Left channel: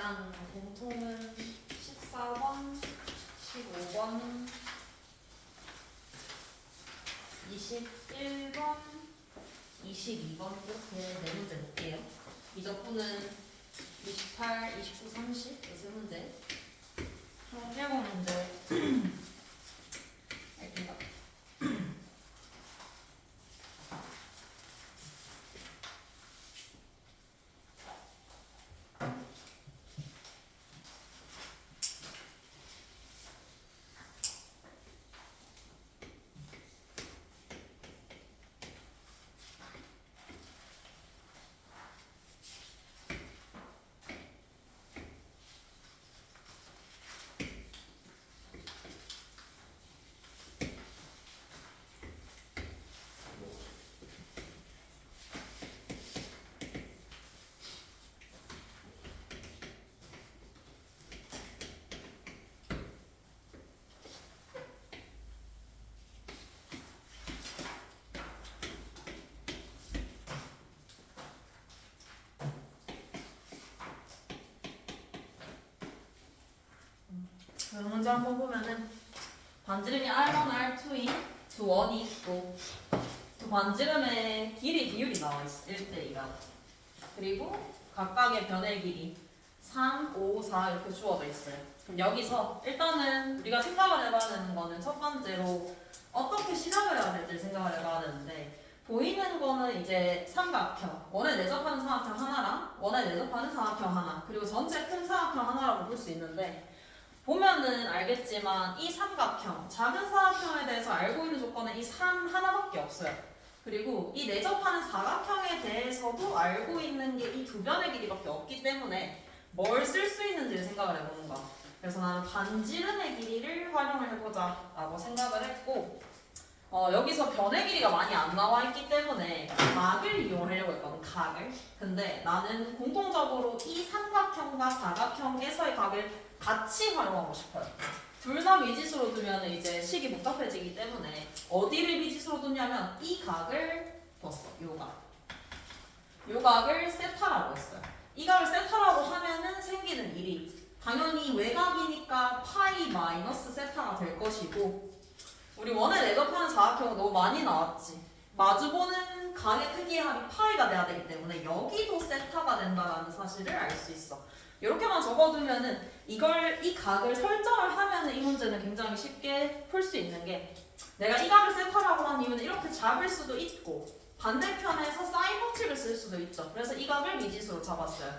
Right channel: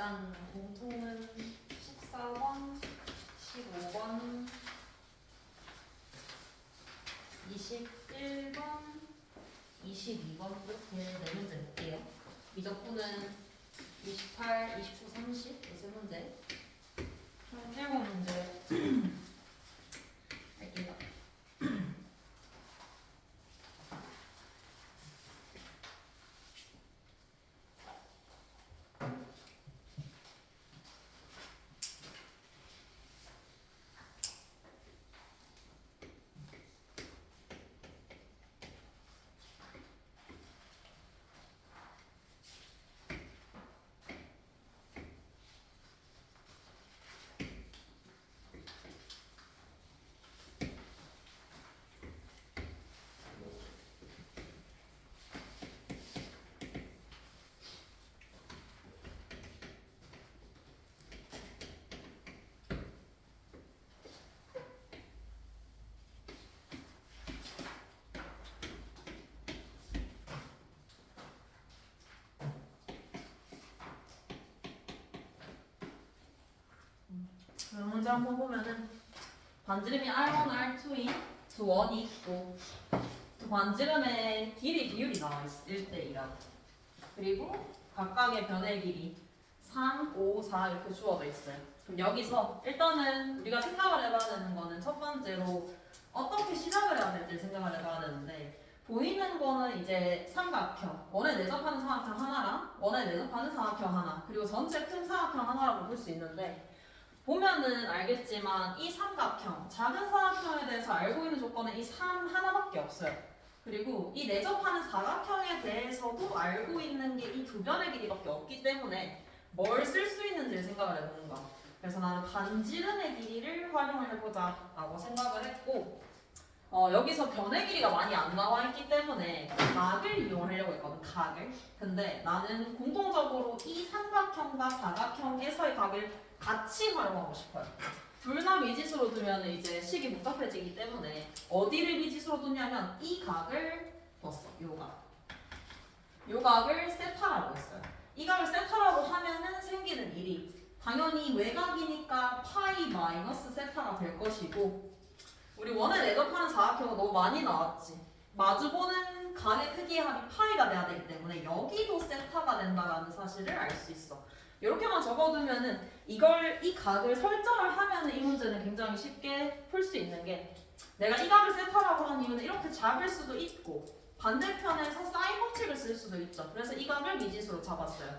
일단 공통은 14번, 15번, 21번, 22번 이렇게 네 문제 볼게요. 미적분은 28, 29, 30 세 문제. 총 7문제 할게요. 문제 한번 보면은 반지름이 R1, R2인 두 원이 있고 두 반지름의 길이 비율이 나와 있어. 1대2라고. 그리고 각각의 변의 길이 3, 5, 4 이렇게 주어져 있어요. 그럼 여기서 일단은 우리가 생각을 해봐야 되는 거는 첫 번째로 어떻게 시작을 해야 될지 생각을 해봐야 되는데 보이는 거는 이제 삼각형, 원에 내접하는 삼각형 하나랑 원에 내접하는 삼각형 하나 그리고 전체 큰 삼각형 하나라고 볼 수 있는데 보면은 알겠지만 이 삼각형, 작은 삼각형에 대해서 알고 있는 조건은 이 3 하나밖에 없어요. 그리고 이 내접하는 사각형에 대해서도 알고 있는 게 이 두 변의 길이밖에 없기 때문에 뭘 쓸 수 있는지를 생각을 해보는 거야. 그래서 나는 반지름의 길이를 활용을 해보자 라고 생각을 했고 여기서 변의 길이가 많이 안 나와 있기 때문에 각을 이용하려고 했거든, 각을. 근데 나는 공통적으로 이 삼각형과 사각형에서의 각을 같이 활용하고 싶어요. 둘 다 미지수로 두면 이제 식이 복잡해지기 때문에 어디를 미지수로 두냐면 이 각을 뒀어, 요 각. 요 각을 세타라고 했어요. 이 각을 세타라고 하면은 생기는 일이 당연히 외곽이니까 파이 마이너스 세타가 될 것이고 우리 원에 내접하는 사각형은 너무 많이 나왔지. 마주보는 각의 크기의 합이 파이가 돼야 되기 때문에 여기도 세타가 된다는 사실을 알 수 있어. 이렇게만 적어두면은 이 각을 설정을 하면은 이 문제는 굉장히 쉽게 풀 수 있는 게 내가 이 각을 세타라고 하는 이유는 이렇게 잡을 수도 있고 반대편에서 사인 법칙을 쓸 수도 있죠. 그래서 이 각을 미지수로 잡았어요.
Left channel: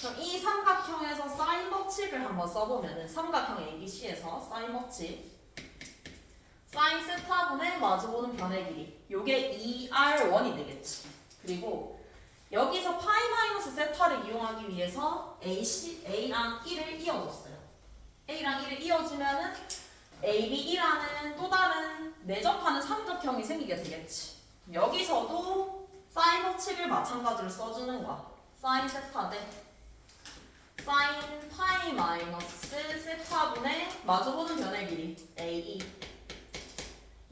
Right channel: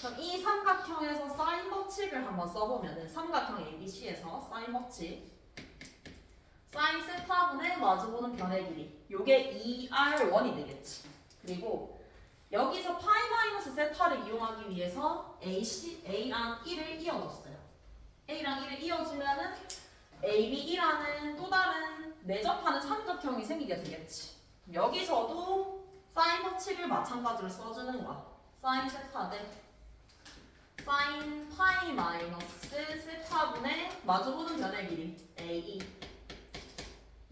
그럼 이 삼각형에서 사인 법칙을 한번 써보면은 삼각형 ABC에서 사인 법칙 사인 세타분의 마주보는 변의 길이 요게 2R1이 되겠지. 그리고 여기서 파이 마이너스 세타를 이용하기 위해서 A랑 1을 이어줬어요. A랑 1을 이어주면은 AB이라는 또 다른 내접하는 삼각형이 생기게 되겠지. 여기서도 사인 법칙을 마찬가지로 써주는 거야. 사인 세타 대 사인 파이 마이너스 세타분의 마주보는 변의 길이 AE.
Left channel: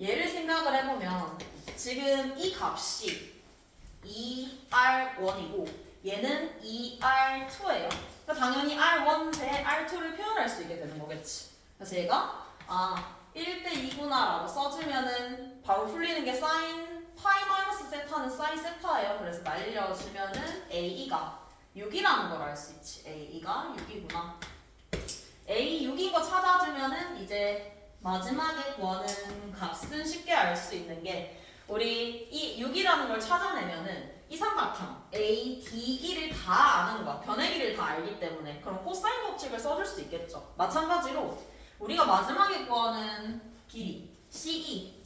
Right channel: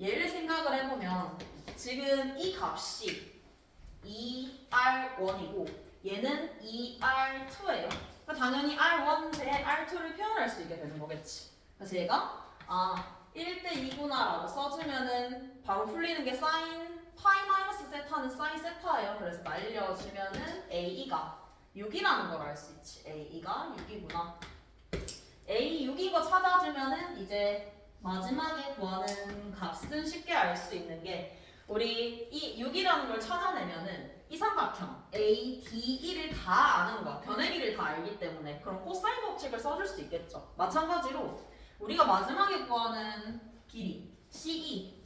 얘를 생각을 해보면 지금 이 값이 2R1이고 얘는 2R2예요. 그러니까 당연히 R1 대 R2를 표현할 수 있게 되는 거겠지. 그래서 얘가 1대2구나 라고 써주면은 바로 풀리는 게 사인 파이 마이너스 세타는 사인 세타예요. 그래서 날려주면은 AE가 6이라는 걸 알 수 있지. AE가 6이구나. A 6인 거 찾아주면은 이제 마지막에 구하는 값은 쉽게 알 수 있는 게 우리 이 6이라는 걸 찾아내면은 이 삼각형 A, D, E를 다 아는 거야. 변의 길이를 다 알기 때문에 그럼 코사인 법칙을 써줄 수 있겠죠. 마찬가지로 우리가 마지막에 구하는 길이 CE,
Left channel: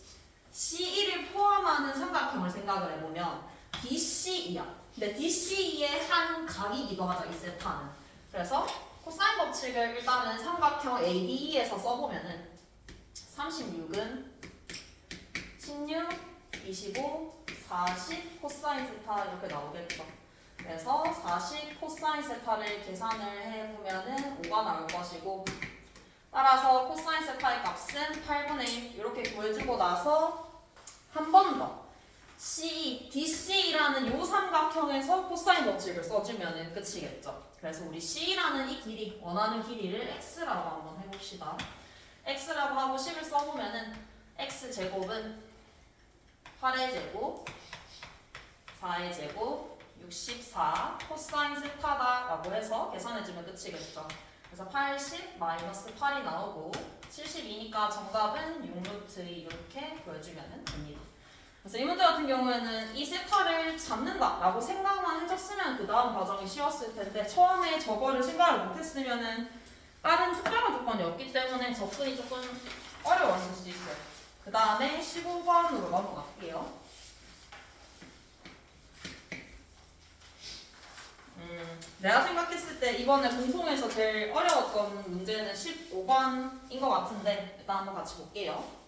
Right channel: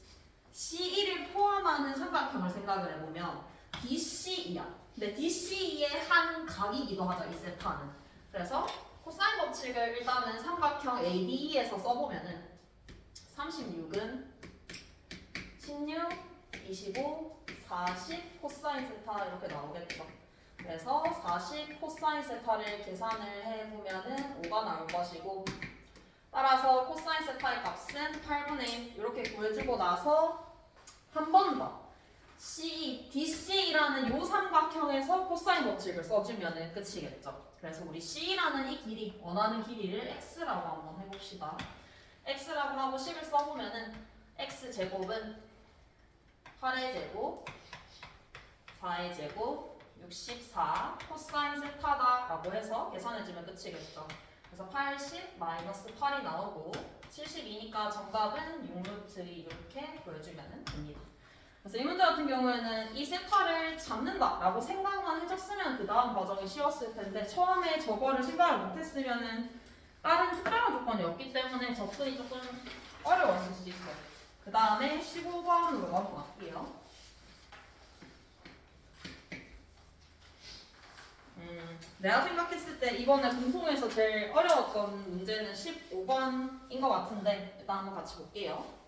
CE를 포함하는 삼각형을 생각을 해보면 DCE야. 근데 DCE의 한 각이기도 하죠, 이 세타는. 그래서 코사인 법칙을 일단은 삼각형 ADE에서 써보면은 36은 16, 25, 40 코사인 세타 이렇게 나오겠죠. 그래서 40 코사인 세타를 계산을 해보면은 5가 나올 것이고 따라서 코사인 세타의 값은 8분의 1 이렇게 구해주고 나서 한 번 더 DC라는 요 삼각형에서 코사인 법칙을 써주면은 끝이겠죠. 그래서 우리 C라는 이 길이, 원하는 길이를 X라고 한번 해봅시다. X라고 하고 10을 써보면은 X제곱은 8의 제곱, 4의 제곱, 64 코사인 세타다라고 해서 계산해주면 끝이겠죠. 그래서 80 마이너스 8이 나오고 72니까 정답은 6루트 2 이렇게 구해주면 됩니다. 그래서 이 문제 같은 경우에는 이 세타를 잡는다라고 생각만 해줬으면 그 다음 과정이 쉬웠을 텐데 처음에 저거를 생각을 못했으면은 다른 특별한 조건이 없기 때문에 접근이 조금 어려웠을 수 있어요. 그 다음에 15번으로 넘어갈게요. 내가 생각했을 때 이번에 공통에서 제일 어려웠던 문제는 15번인 것 같은데 일단 한번 같이 볼게요.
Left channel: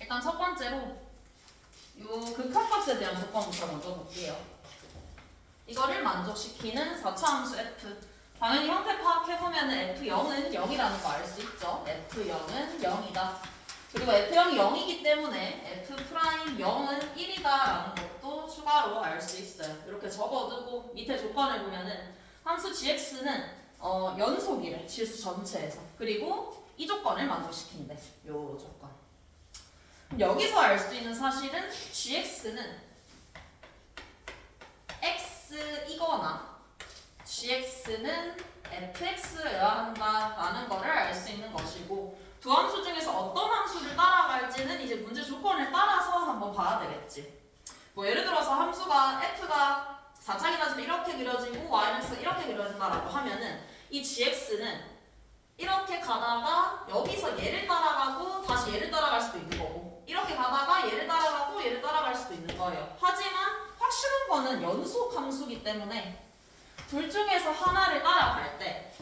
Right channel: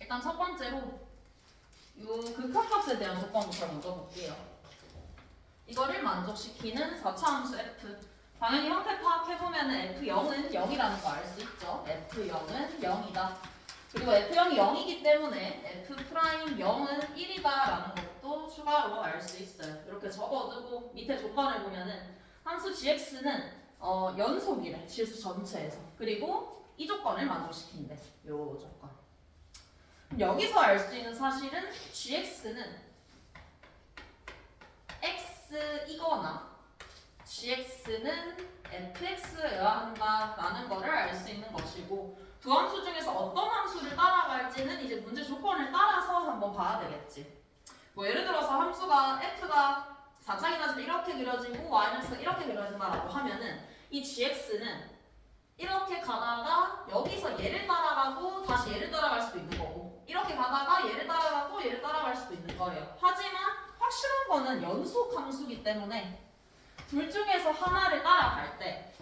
일단 첫 번째로 요 극한값에 대한 조건부터 먼저 볼게요. 이거를 만족시키는 4차 함수 f. 당연히 형태 파악해보면 f0은 0이라는 거 알 수 있죠. f0은 0이다. 그리고 f0이 0이기 때문에 f'0은 1이다라는 것도 추가로 알 수 있어요. 이렇게 적어두고 밑에 조건을 보면은 함수 gx는 연속이래. 실수 전체에서. 그리고 이 조건을 만족시킨대. 요 조건. 여기서 알 수 있는 사실은 gx는 x이거나 gx는 fx여야 한다라는 거를 알 수 있는 것이고 두 함수 중에서 어떤 함수를 따라갈지는 이제 문제 조건을 따라서 한번 봐야 되겠지. 뭐 예를 들어서 함수가 f가 4차기 따지면 이렇게 그려지고 y가 이렇게 그려진다라고 하면은 이 gx는 이렇게 가다가 여기서 얘를 따라가고 다시 얘를 따라갈 수도 있는 거고 이렇게 가다가 얘를 따라가고 얘를 따라갈 수도 있는 거예요. 하지만 확실한 거는 연속 함수이기 때문에 둘 중에서 하나를 따라갈 때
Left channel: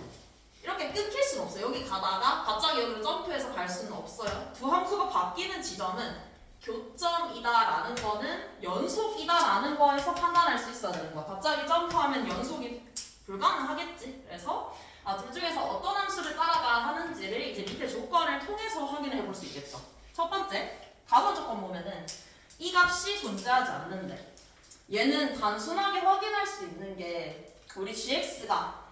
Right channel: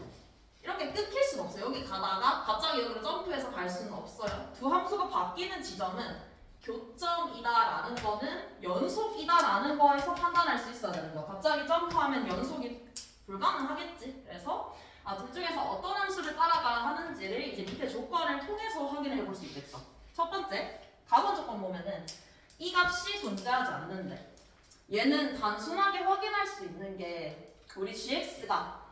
이렇게 끊길 수는 없어요. 여기 가다가 갑자기 여기로 점프해서 갈 수는 없어요. 두 함수가 바뀌는 지점은 교점이다라는 거는 연속이다라는 거에서 판단할 수 있어야 되는 거야. 갑자기 점프하면 연속이 불가능하겠지. 그래서 둘 중에서 어떤 함수를 따라가야 하는지를 이제 밑에 조건을 통해서 확인해 볼 수 있겠죠. 첫 번째, 다음 조건 보면은 이 값이 존재하지 않는데 얘는 단순하게 확인할 수 있는 게 우리 gx가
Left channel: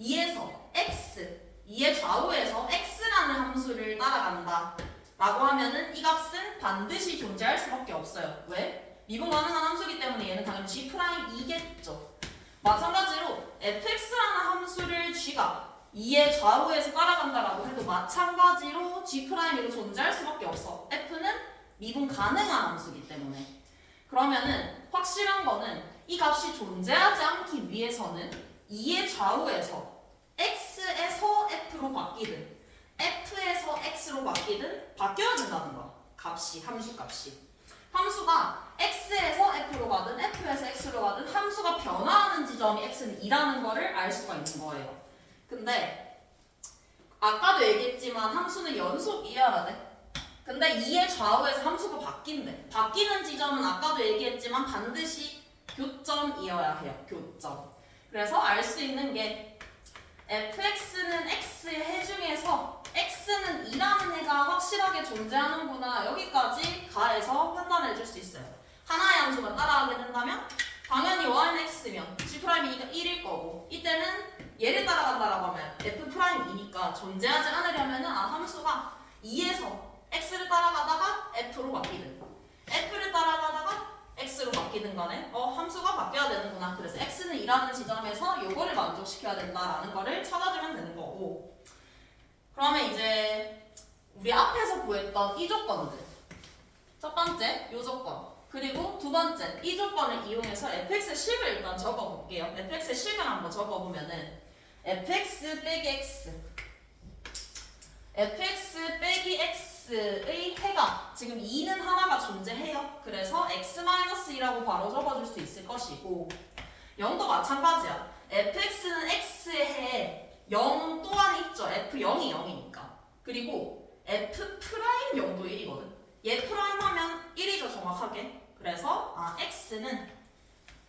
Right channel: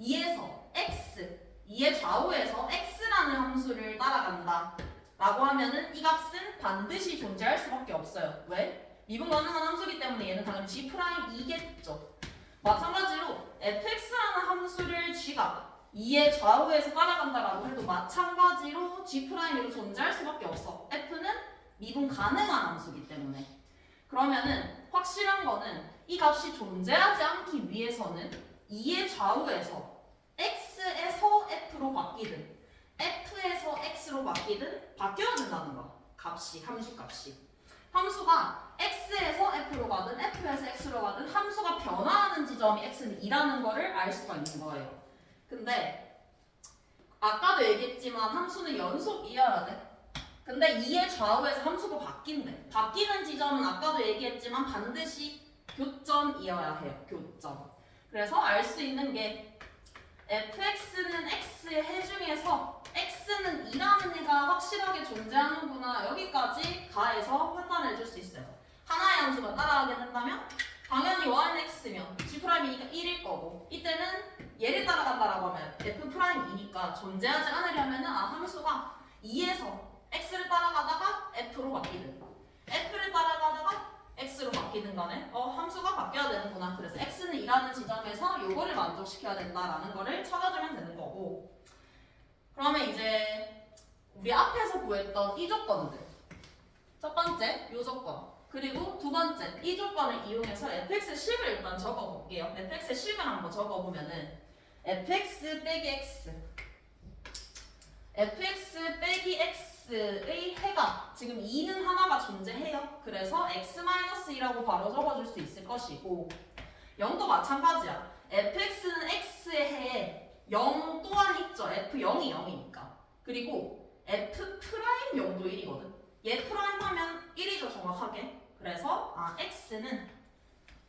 2에서 x, 2의 좌우에서 x라는 함수를 따라간다 라고 하면은 이 값은 반드시 존재할 수밖에 없어요. 왜? 미분 가능한 함수이기 때문에 얘는 당연히 g'2겠죠. 마찬가지로 fx라는 함수를 g가 2의 좌우에서 따라간다라고 해도 마찬가지로 g'으로 존재할 수밖에 없어. f는 미분 가능한 함수이기 때문에. 그러면은 확실한 거는 이 값이 존재하지 않기 위해서는 2의 좌우에서 x에서 f로 바뀌든 f에서 x로 바뀌든 바뀌어야 된다는 거. 값이, 함수 값이. 함수가 x에서 f로 가든 f에서 x로 가든 함수가 변화하는 지점이 x는 2라는 거를 알 수가 있는 거예요. 근데 아까도 얘기했지만 함수는 연속이어야 돼. 근데 2의 좌우에서 함수가 바뀐대. 바뀌는 지점은 아까도 얘기했지만 반드시 교점이어야 해요. 교점. 그래서 알 수 있는 게 fx는 x의 해 중에서 x는 2라는 애가 확실하게 존재하는구나 여기까지 가해서 판단해 줄 수 있어요. 하나의 함수가 따라가게 된다면 당연히 y는 x면 g'이 1일 거고 이때는 얘를 따라간다라고 하면 f'이니까 존재하지 않으려면은 함수가 2에서 x를 따라가다가 f로 바뀌든 f를 따라가다가 x로 바뀌는 거네. 함수가 바뀌어야 되는구나. 그래서 x는 2라는 지점에서 요거를 만족시켜야 된다라는 거를 찾아주면 되는 거고. 그러면 이제 우리 앞에서 구했던 이 조건들. 첫 번째 요 조건. 그리고 두 번째 이 조건을 이용해서 fx의 식을 일단 적어볼게요. fx의 식을 한번 적어보면은 fx 빼기 x fx 빼기 x의 해가 지금 2는 하나가 존재해요. 그래서 x-2라고 바로 적어줄 수 있을 것이고 0도 마찬가지야. fx는 x의 해 0 또한 있죠. f0이 0이니까. 그리고 f'0도 1이거든. 얘 프라임 하면 1이죠 정확하게. 그래서 x는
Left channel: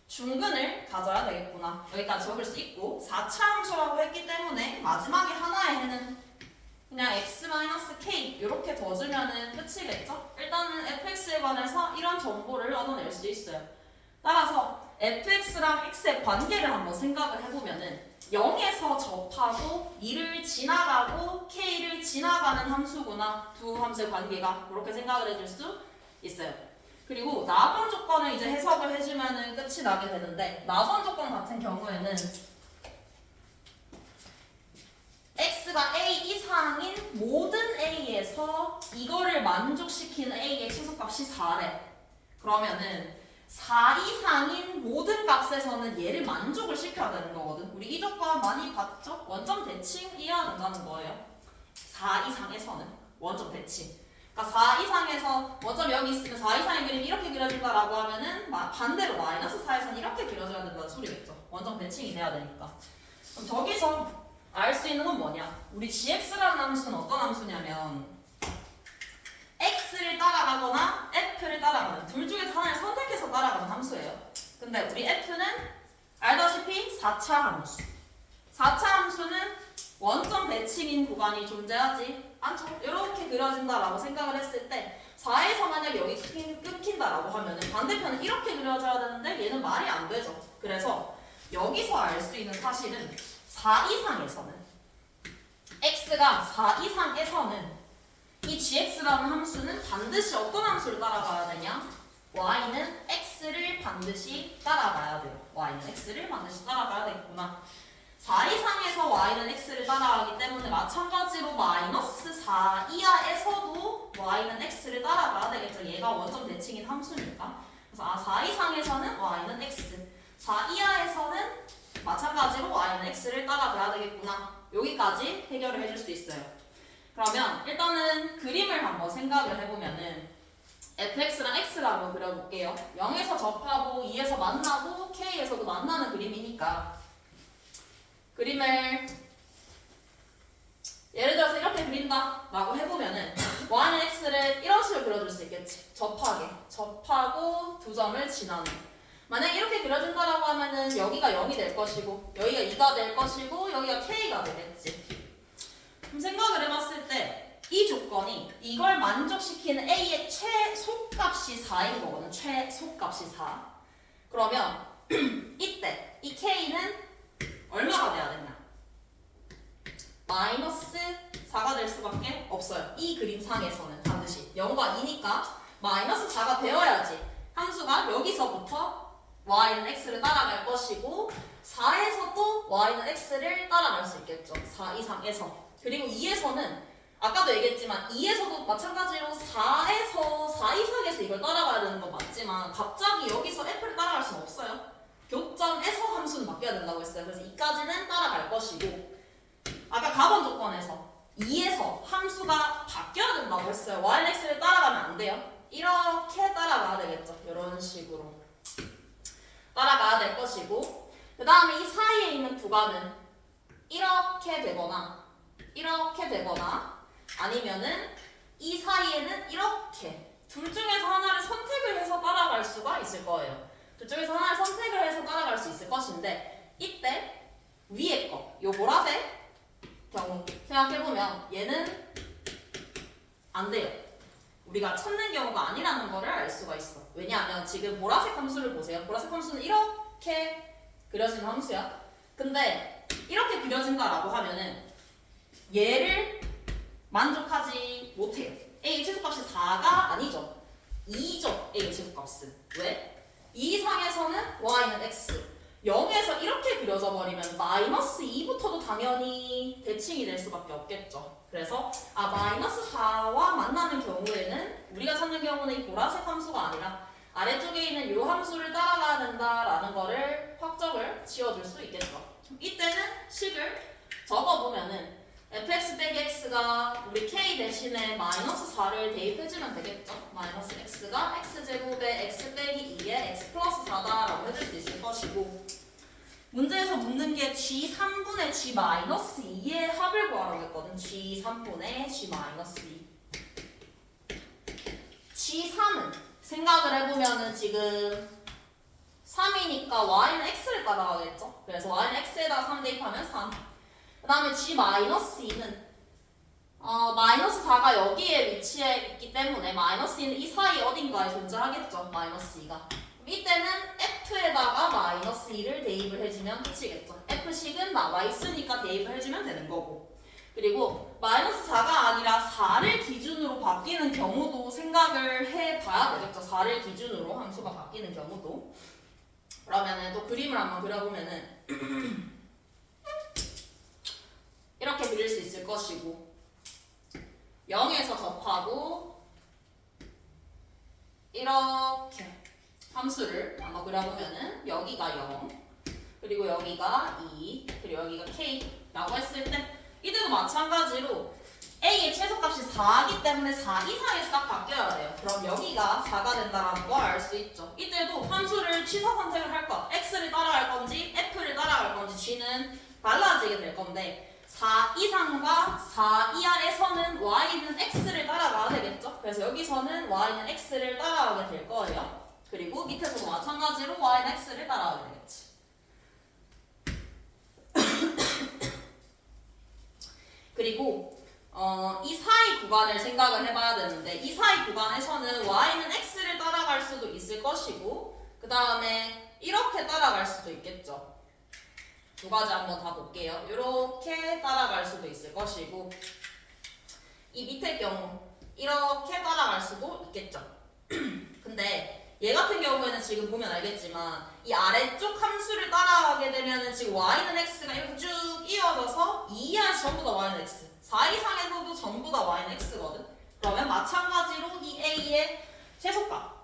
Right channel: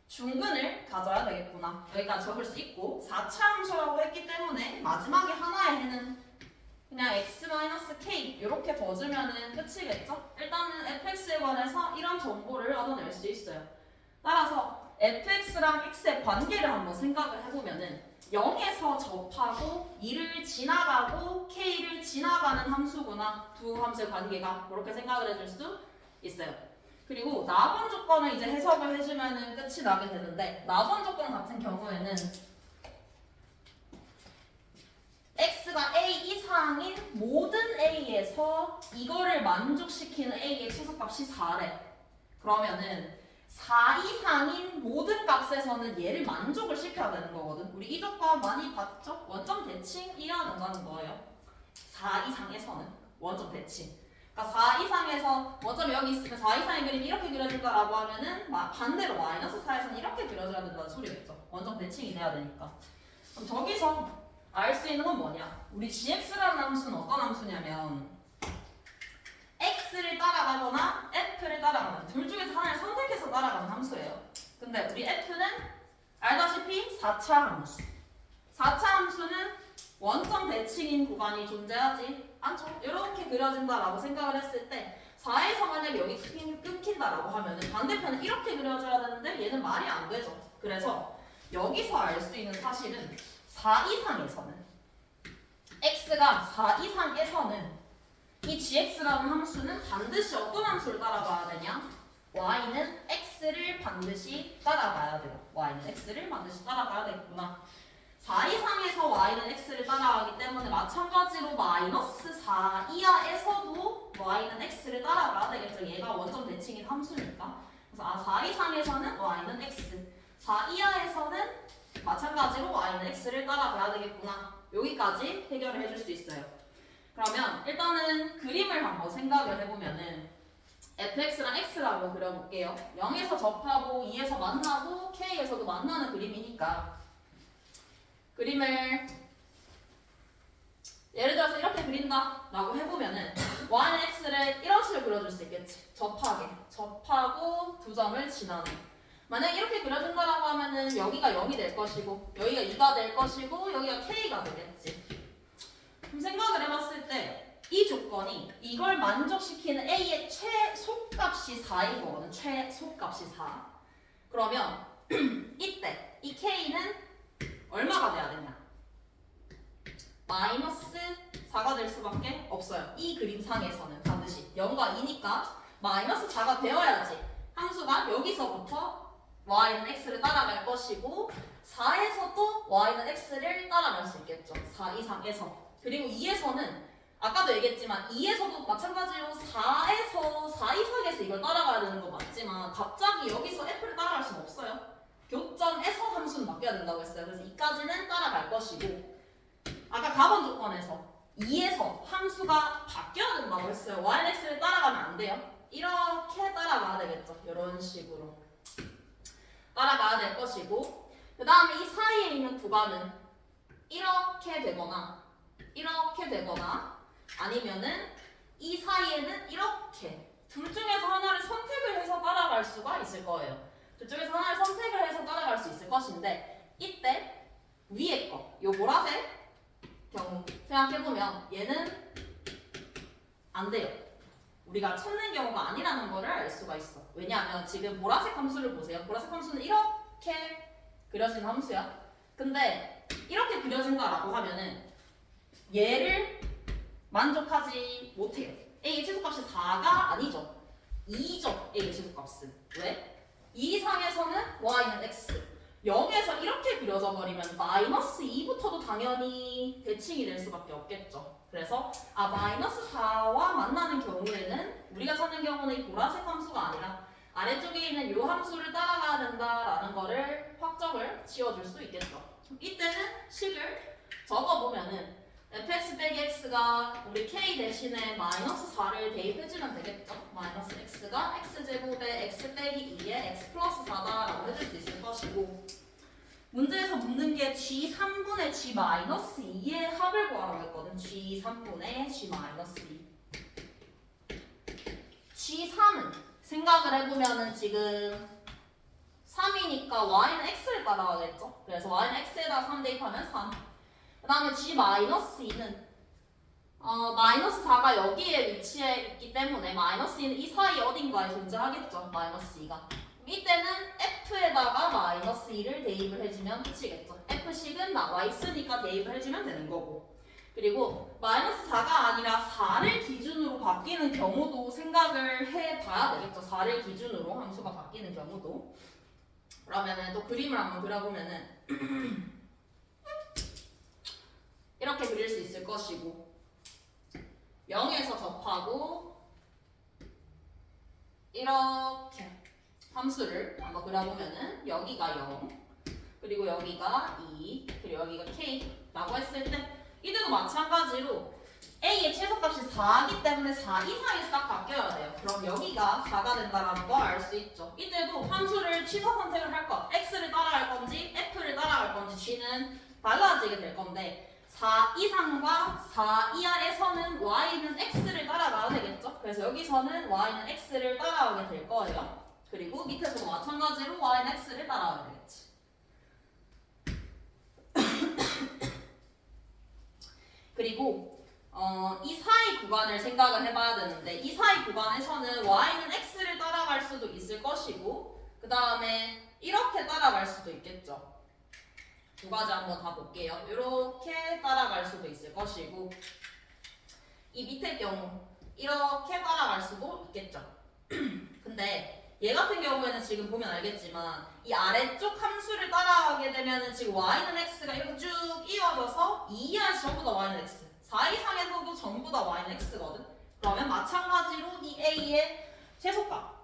중근을 가져야 되겠구나. 여기까지 적을 수 있고 4차 함수라고 했기 때문에 마지막에 하나의 해는 그냥 x-k 이렇게 더 주면은 끝이겠죠? 일단은 fx에 관해서 이런 정보를 얻어낼 수 있어요. 따라서 fx랑 x의 관계를 한번 생각을 해보면은 0에서 접하고 2를 지나가고 k를 지나가는 함수구나. 두 함수의 관계가 그렇게 생각을 해줄 수 있어요. 그리고 나번 조건을 이제 해석을 해주면은 끝이 나게 되는데 나번 조건 같은 경우에는 x가 a 이상인 모든 a에서 이거를 만족시키는 a의 최소값이 4래. 그러면은 4 이상인 모든 값에서는 얘를 만족을 시켜야 되는 거거든. 우리 이 조건 많이 봤죠? 원점 대칭 이해야 된다는 거예요. 4 이상에서는 원점 대칭. 그러니까 4 이상에서 원점이 여기 있으면 4 이상의 그림이 이렇게 그려진다라고 하면은 반대로 마이너스 4에서는 이렇게 그려져야 된다는 소리겠죠. 원점 대칭이 돼야 되니까. 그럼 저기서 알 수 있는 건 뭐냐? 우리 gx라는 함수는 어떤 함수냐면 x를 따라가거나 f를 따라가는 둘 중에서 하나를 선택해서 따라가는 함수예요. 근데 우리 f는 알다시피 4차 함수. 4차 함수는 원점 대칭인 구간이 존재하지 않죠. 이렇게 그려진다라고 생각을 했을 때 4에서 만약에 여기 끊긴다라고 하면 반대편은 이렇게 그려져야 되는데 얘는 말이 안 되죠. 그래서 여기서 알 수 있는 사실은 4 이상에서는 x가 4 이상에서는 이 gx라는 함수는 반드시 어떤 함수를 따라가야 되냐? y는 x를 반드시 따라가야 돼요. y는 x를 반드시 따라가야 되겠구나. 4 이상에서 y는 x를 따라가기 때문에 마찬가지로 마이너스 4 이하에서도 y는 x를 따라가야 되겠죠. 얘가 원점 대칭인 함수니까. 그래서 4 이상에서는 y는 x, 4 이하에서는 마찬가지로 y는 x를 따라가야 되겠구나. 여기까지 해결을 해줄 수 있어요. 그러면 일단은 그림을 한번 생각을 해보면은 fx랑 x를 한번 그려볼게요. 0에서 접하고 2에서 만나고 k에서도 만나는 그림이니까 그림을 예를 들어서 이렇게 그린다 라고 해보면은 y는 x를 이런 식으로 그려줄 수 있겠지. 접하고 두 점을 지나는. 만약 이렇게 그려준다라고 하면은 여기가 0이 될 것이고 여기가 2가 될 것이고 여기가 k가 되겠지. 그럼 생각을 해봤을 때 이 조건이 이걸 만족시키는 a의 최소값이 4인 거거든. 최소값이 4. 그러면 이때 이 k는 얼마가 돼야 되냐? 마이너스 4가 될 수밖에 없어요. 이 그림상에서는 반드시 0과 2니까 마이너스 4가 되어야지 함수가 여기서부터 y는 x를 따라갈 것이고 4에서 또 y는 x를 따라갈 수 있겠죠. 4 이상에서. 그리고 2에서는 아까도 얘기했지만 2에서도 마찬가지로 4에서 4 이상에서 이걸 따라가야 되는 건 맞지만 갑자기 여기서 f를 따라갈 수는 없어요. 교점에서 함수는 바뀌어야 된다고 했어요. 그래서 2까지는 따라갈 것이고 아까 가번 조건에서 2에서 함수가 바뀌어야 된다고 했어요. y는 x를 따라가면 안 돼요. 이렇게 따라가야 되겠죠. 이런 식으로 따라가야 될 것이고 그 다음에 이 사이에 있는 구간은 이렇게 되거나 아니면은 이 사이에는 이렇게 둘 중에서 하나를 선택을 해서 따라갈 수가 있을 거예요. 둘 중에서 하나를 선택을 해서 따라갈 수 있을 것인데 이때 위에 거, 요 보라색 경우 생각해보면 얘는 안 돼요. 우리가 찾는 경우가 아니라는 거를 알 수가 있어. 왜냐하면 지금 보라색 함수를 보세요. 보라색 함수는 이렇게 그려진 함수야. 근데 이렇게 그려진다라고 하면은 얘를 만족하지 못해요. A의 최소값이 4가 아니죠. 2죠. A 제곱값은. 왜? 2 이상에서는 y는 x. 0에서 이렇게 그려져 버리면 마이너스 2부터도 당연히 대칭이 될 수밖에 없겠죠. 그래서 마이너스 4와 만나는 경우에는 우리가 찾는 경우는 이 보라색 함수가 아니라 아래쪽에 있는 이 함수를 따라가야 된다라는 거를 확정을 지어줄 수 있겠죠. 이때는 식을 적어보면은 fx 빼기 x가 우리 k 대신에 마이너스 4를 대입해주면 되겠죠. 마이너스 x가 x제곱에 x 빼기 2에 x 플러스 4다라고 해줄 수 있을 것이고, 문제에서 묻는 게 g 3분의 g 마이너스 2의 합을 구하라고 했거든. g 3분의 g 마이너스 2. g 3은 생각을 해보면은 지금 3이니까 y는 x를 따라가겠죠. 그래서 y는 x에다 3 대입하면 3. 그 다음에 g-2는 마이너스 4가 여기에 위치해 있기 때문에 마이너스 2는 이 사이 어딘가에 존재하겠죠. 마이너스 2가. 이때는 f에다가 마이너스 2를 대입을 해주면 끝이겠죠. f식은 나와 있으니까 대입을 해주면 되는 거고. 그리고 마이너스 4가 아니라 4를 기준으로 바뀌는 경우도 생각을 해봐야 되겠죠. 4를 기준으로 함수가 바뀌는 경우도. 그러면은 또 그림을 한번 그려보면은 이렇게 그릴 수 있을 것이고, 0에서 접하고 이렇게 함수를 한번 그려보면은 여기가 0, 그리고 여기가 2, 그리고 여기가 k라고 했을 때 이때도 마찬가지로 a의 최소값이 4이기 때문에 4 이상에 싹 바뀌어야 돼요. 그럼 여기가 4가 된다는 걸 알 수 있죠. 이때도 함수를 취사 선택을 할 것, x를 따라갈 건지 f를 따라갈 건지 g는 달라지게 될 건데, 4 이상과 4 이하에서는 y는 x를 따라가야 되겠죠. 그래서 여기서는 y는 x를 따라가게 될 거예요. 그리고 밑에서도 마찬가지로 y는 x를 따라가게 되겠지. 그리고 이 사이 구간을 생각을 해봐야 되는데, 이 사이 구간에서는 y는 x를 따라갈 수도 있을 것이고, 그 다음에 이렇게 따라갈 수도 있겠죠. 두 가지 한번 다 볼게요. 이렇게 따라갈 수도 있을 것이고, 이 밑에 경우 이렇게 따라갈 수도 있겠죠. 근데 얘 같은 경우에는 지금 보면 알겠지만 이 아래쪽 함수를 따라가게 되면은 지금 y는 x가 이렇게 쭉 이어져서 2 이하에서 전부 다 y는 x, 4 이상에서도 전부 다 y는 x거든. 그러면 마찬가지로 이 a의 최소값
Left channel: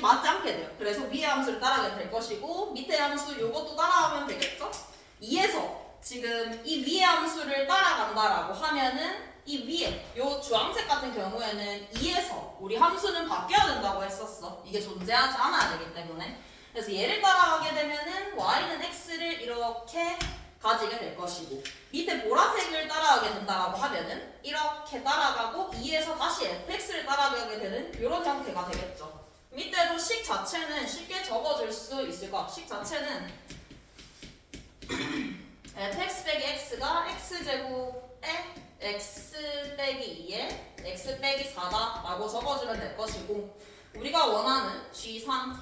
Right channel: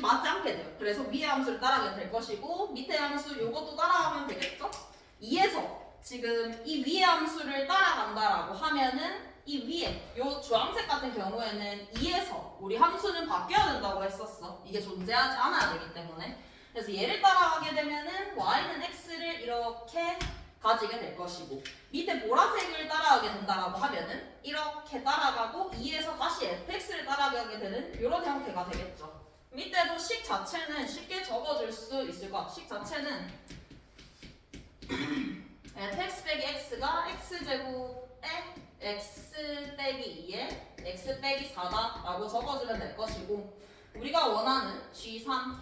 맞지 않게 돼요. 그래서 위의 함수를 따라가게 될 것이고, 밑에 함수 요것도 따라가면 되겠죠? 2에서 지금 이 위의 함수를 따라간다라고 하면은 이 위에 요 주황색 같은 경우에는 2에서 우리 함수는 바뀌어야 된다고 했었어. 이게 존재하지 않아야 되기 때문에. 그래서 얘를 따라가게 되면은 y는 x를 이렇게 가지게 될 것이고, 밑에 보라색을 따라가게 된다라고 하면은 이렇게 따라가고 2에서 다시 fx를 따라가게 되는 이런 형태가 되겠죠. 밑에도 식 자체는 쉽게 적어줄 수 있을 것 같아요. 식 자체는 fx 빼기 x가 x제곱에 x 빼기 2에 x 빼기 4다 라고 적어주면 될 것이고, 우리가 원하는 g3